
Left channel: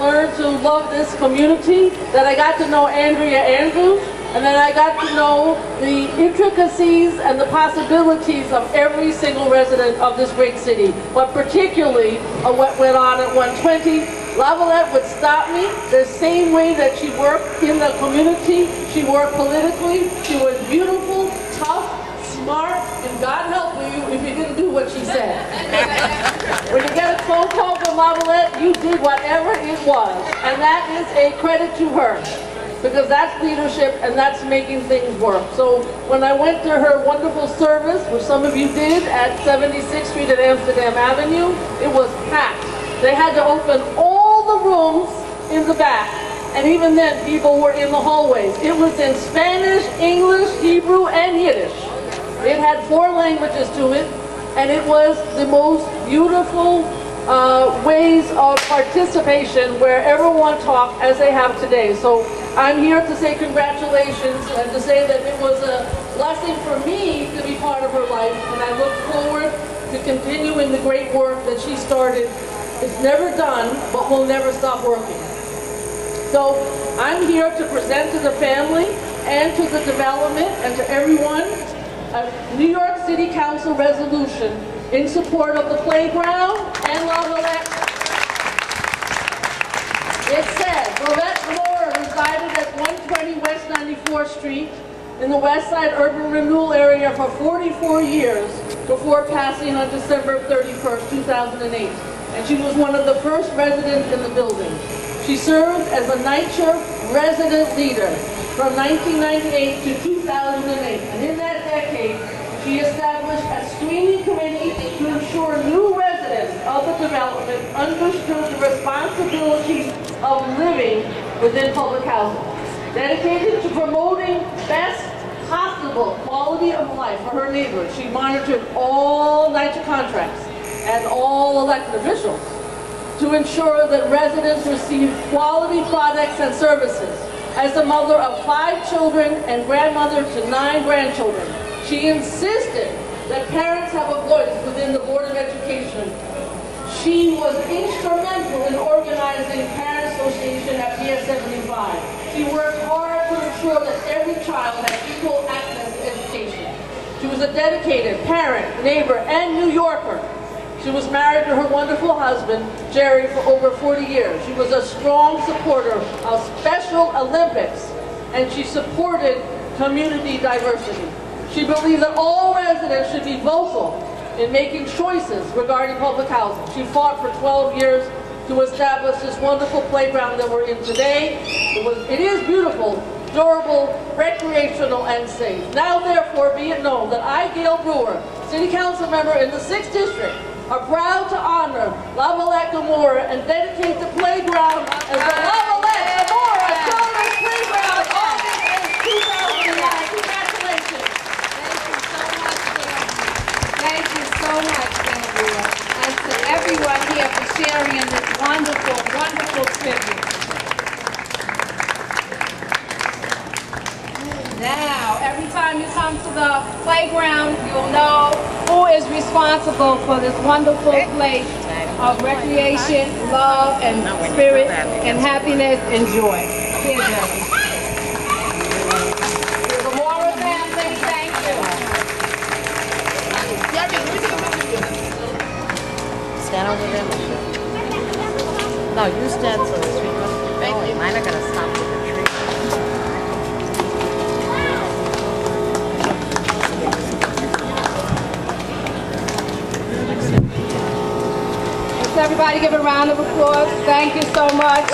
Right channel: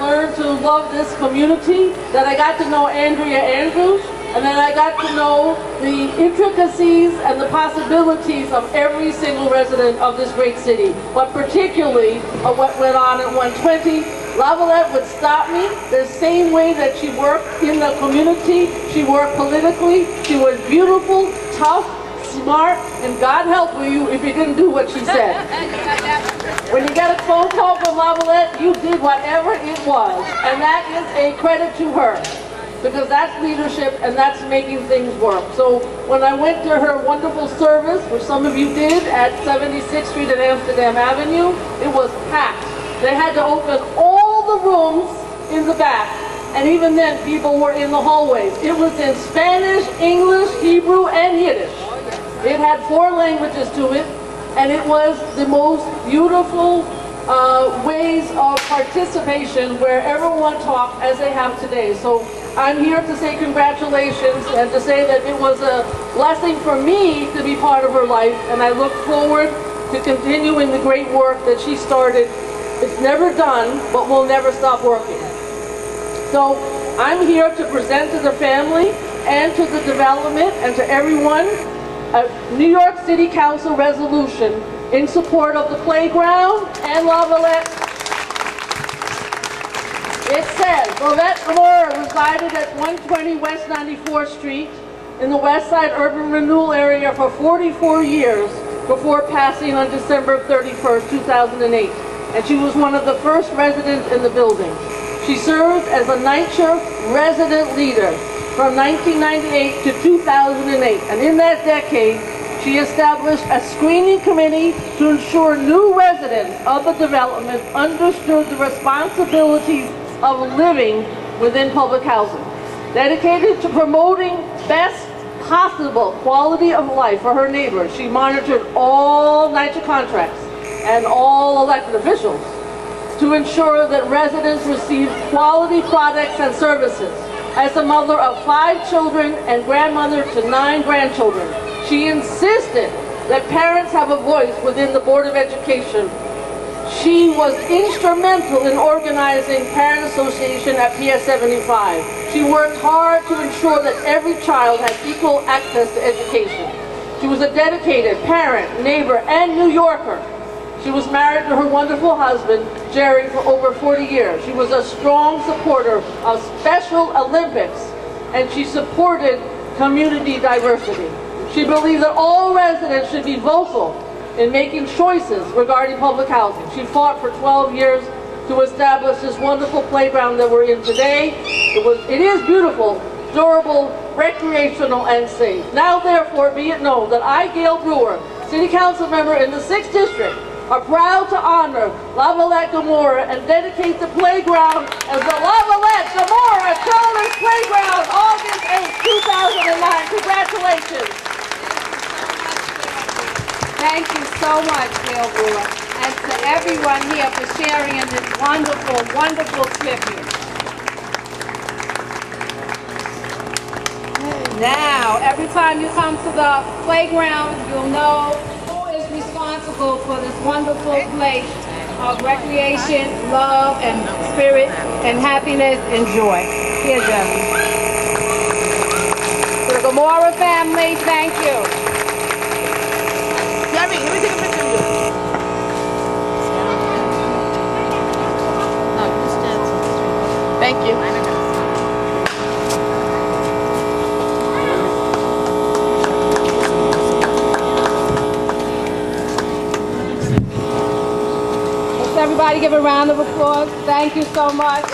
learned to love this community, that I got to know Andrea Andrews, and then I got to know the intricacies and the possibilities of every single resident of this great city. But particularly what went on at 120, Lavalette would stop me the same way that she worked in the community, she worked politically. She was beautiful, tough, smart, and God help you if you didn't do what she said. When you get a phone call from Lavalette, you did whatever it was, and that is a credit to her. because that's leadership and that's making things work. So when I went to her wonderful service, which some of you did at 76th Street and Amsterdam Avenue, it was packed. They had to open all the rooms in the back, and even then people were in the hallways. It was in Spanish, English, Hebrew, and Yiddish. It had 4 languages to it, and it was the most beautiful ways of participation where everyone talked as they have today. So I'm here to say congratulations and to say that it was a blessing for me to be part of her life, and I look forward to continuing the great work that she started. It's never done, but we'll never stop working. So I'm here to present to the family and to the development and to everyone a New York City Council resolution in support of the playground and La Valette. It says, Lavette Gamora resided at 120 West 94th Street in the West Side Urban Renewal area for 44 years before passing on December 31st, 2008. And she was one of the first residents in the building. She served as a NYCHA resident leader from 1998 to 2008. And in that decade, she established a screening committee to ensure new residents of the development understood the responsibilities of living within public housing. Dedicated to promoting best possible quality of life for her neighbors, she monitored all NYCHA contracts and all elected officials to ensure that residents receive quality products and services. As a mother of 5 children and grandmother to 9 grandchildren, she insisted that parents have a voice within the Board of Education. She was instrumental in organizing Parent Association at PS 75. She worked hard to ensure that every child had equal access to education. She was a dedicated parent, neighbor, and New Yorker. She was married to her wonderful husband, Jerry, for over 40 years. She was a strong supporter of Special Olympics, and she supported community diversity. She believed that all residents should be vocal in making choices regarding public housing. She fought for 12 years to establish this wonderful playground that we're in today. It is beautiful, durable, recreational, and safe. Now, therefore, be it known that I, Gail Brewer, City Council member in the 6th District, are proud to honor La Valette Gamora and dedicate the playground as the La Valette Gamora Children's Playground, August 8, 2009. Congratulations. Thank you so much, Gail Brewer, and to everyone here for sharing in this wonderful, wonderful tribute. Now, every time you come to the playground, you'll know who is responsible for this wonderful place of recreation, love, and spirit, and happiness and joy. Here, Jerry. The Gamora family, thank you. Jerry, let me take a picture of you. Thank you. Everybody give a round of applause. Thank you so much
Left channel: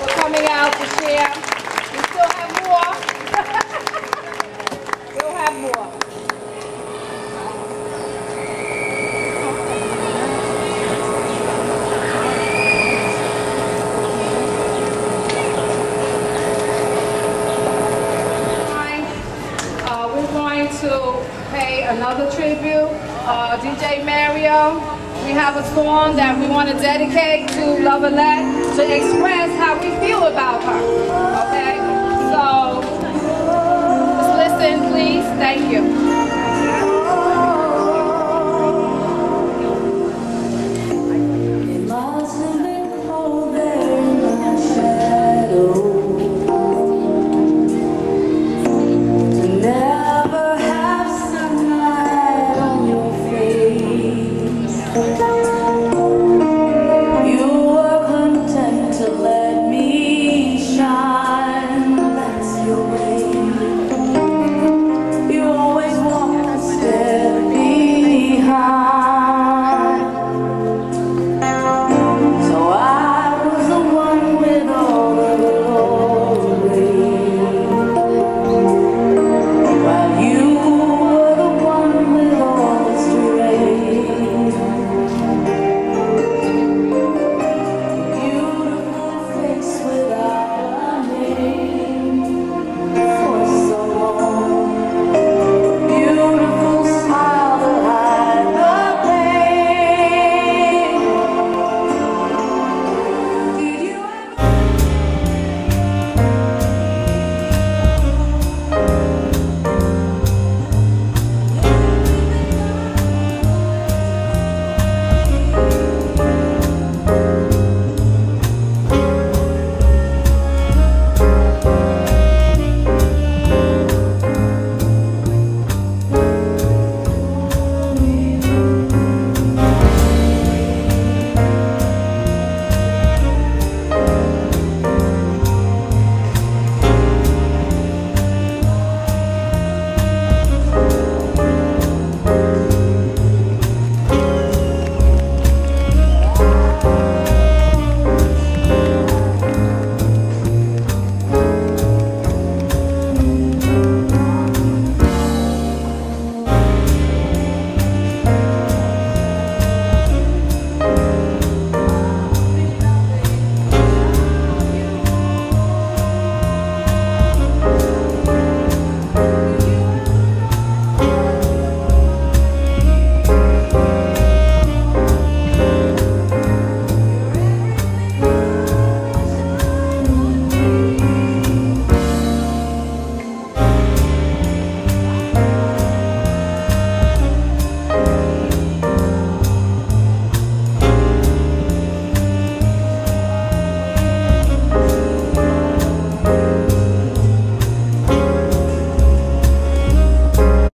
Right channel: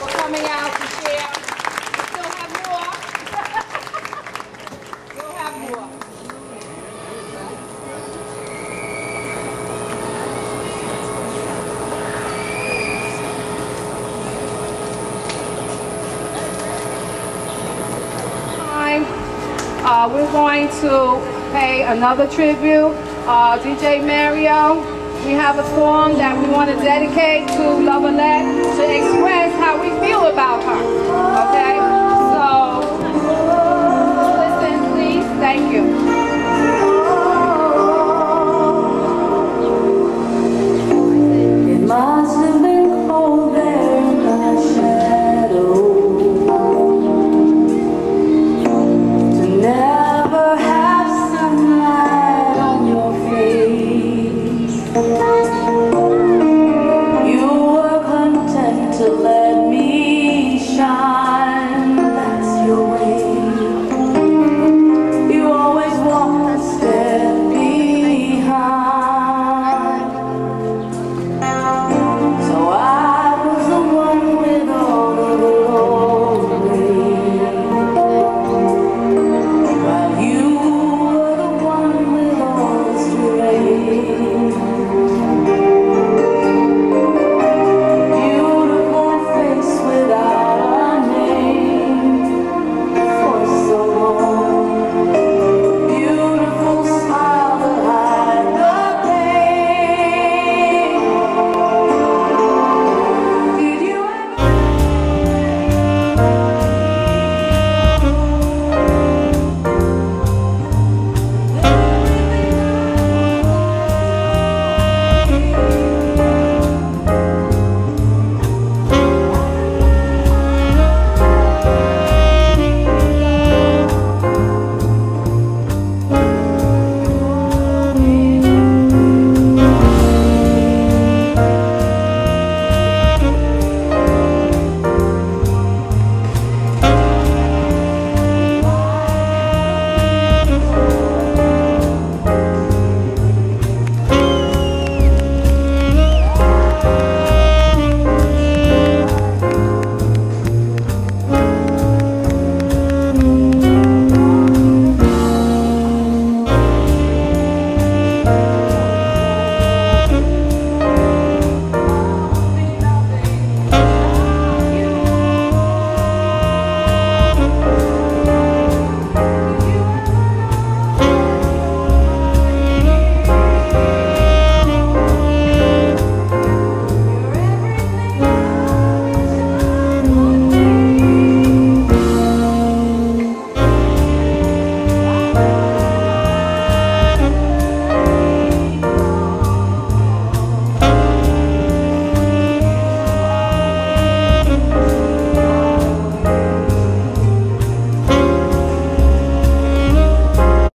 for coming out to share. We still have more. Still have more. We're going to pay another tribute. DJ Mario, we have a song that we want to dedicate to La Valette to express how we feel about her. Okay? So, just listen, please. Thank you.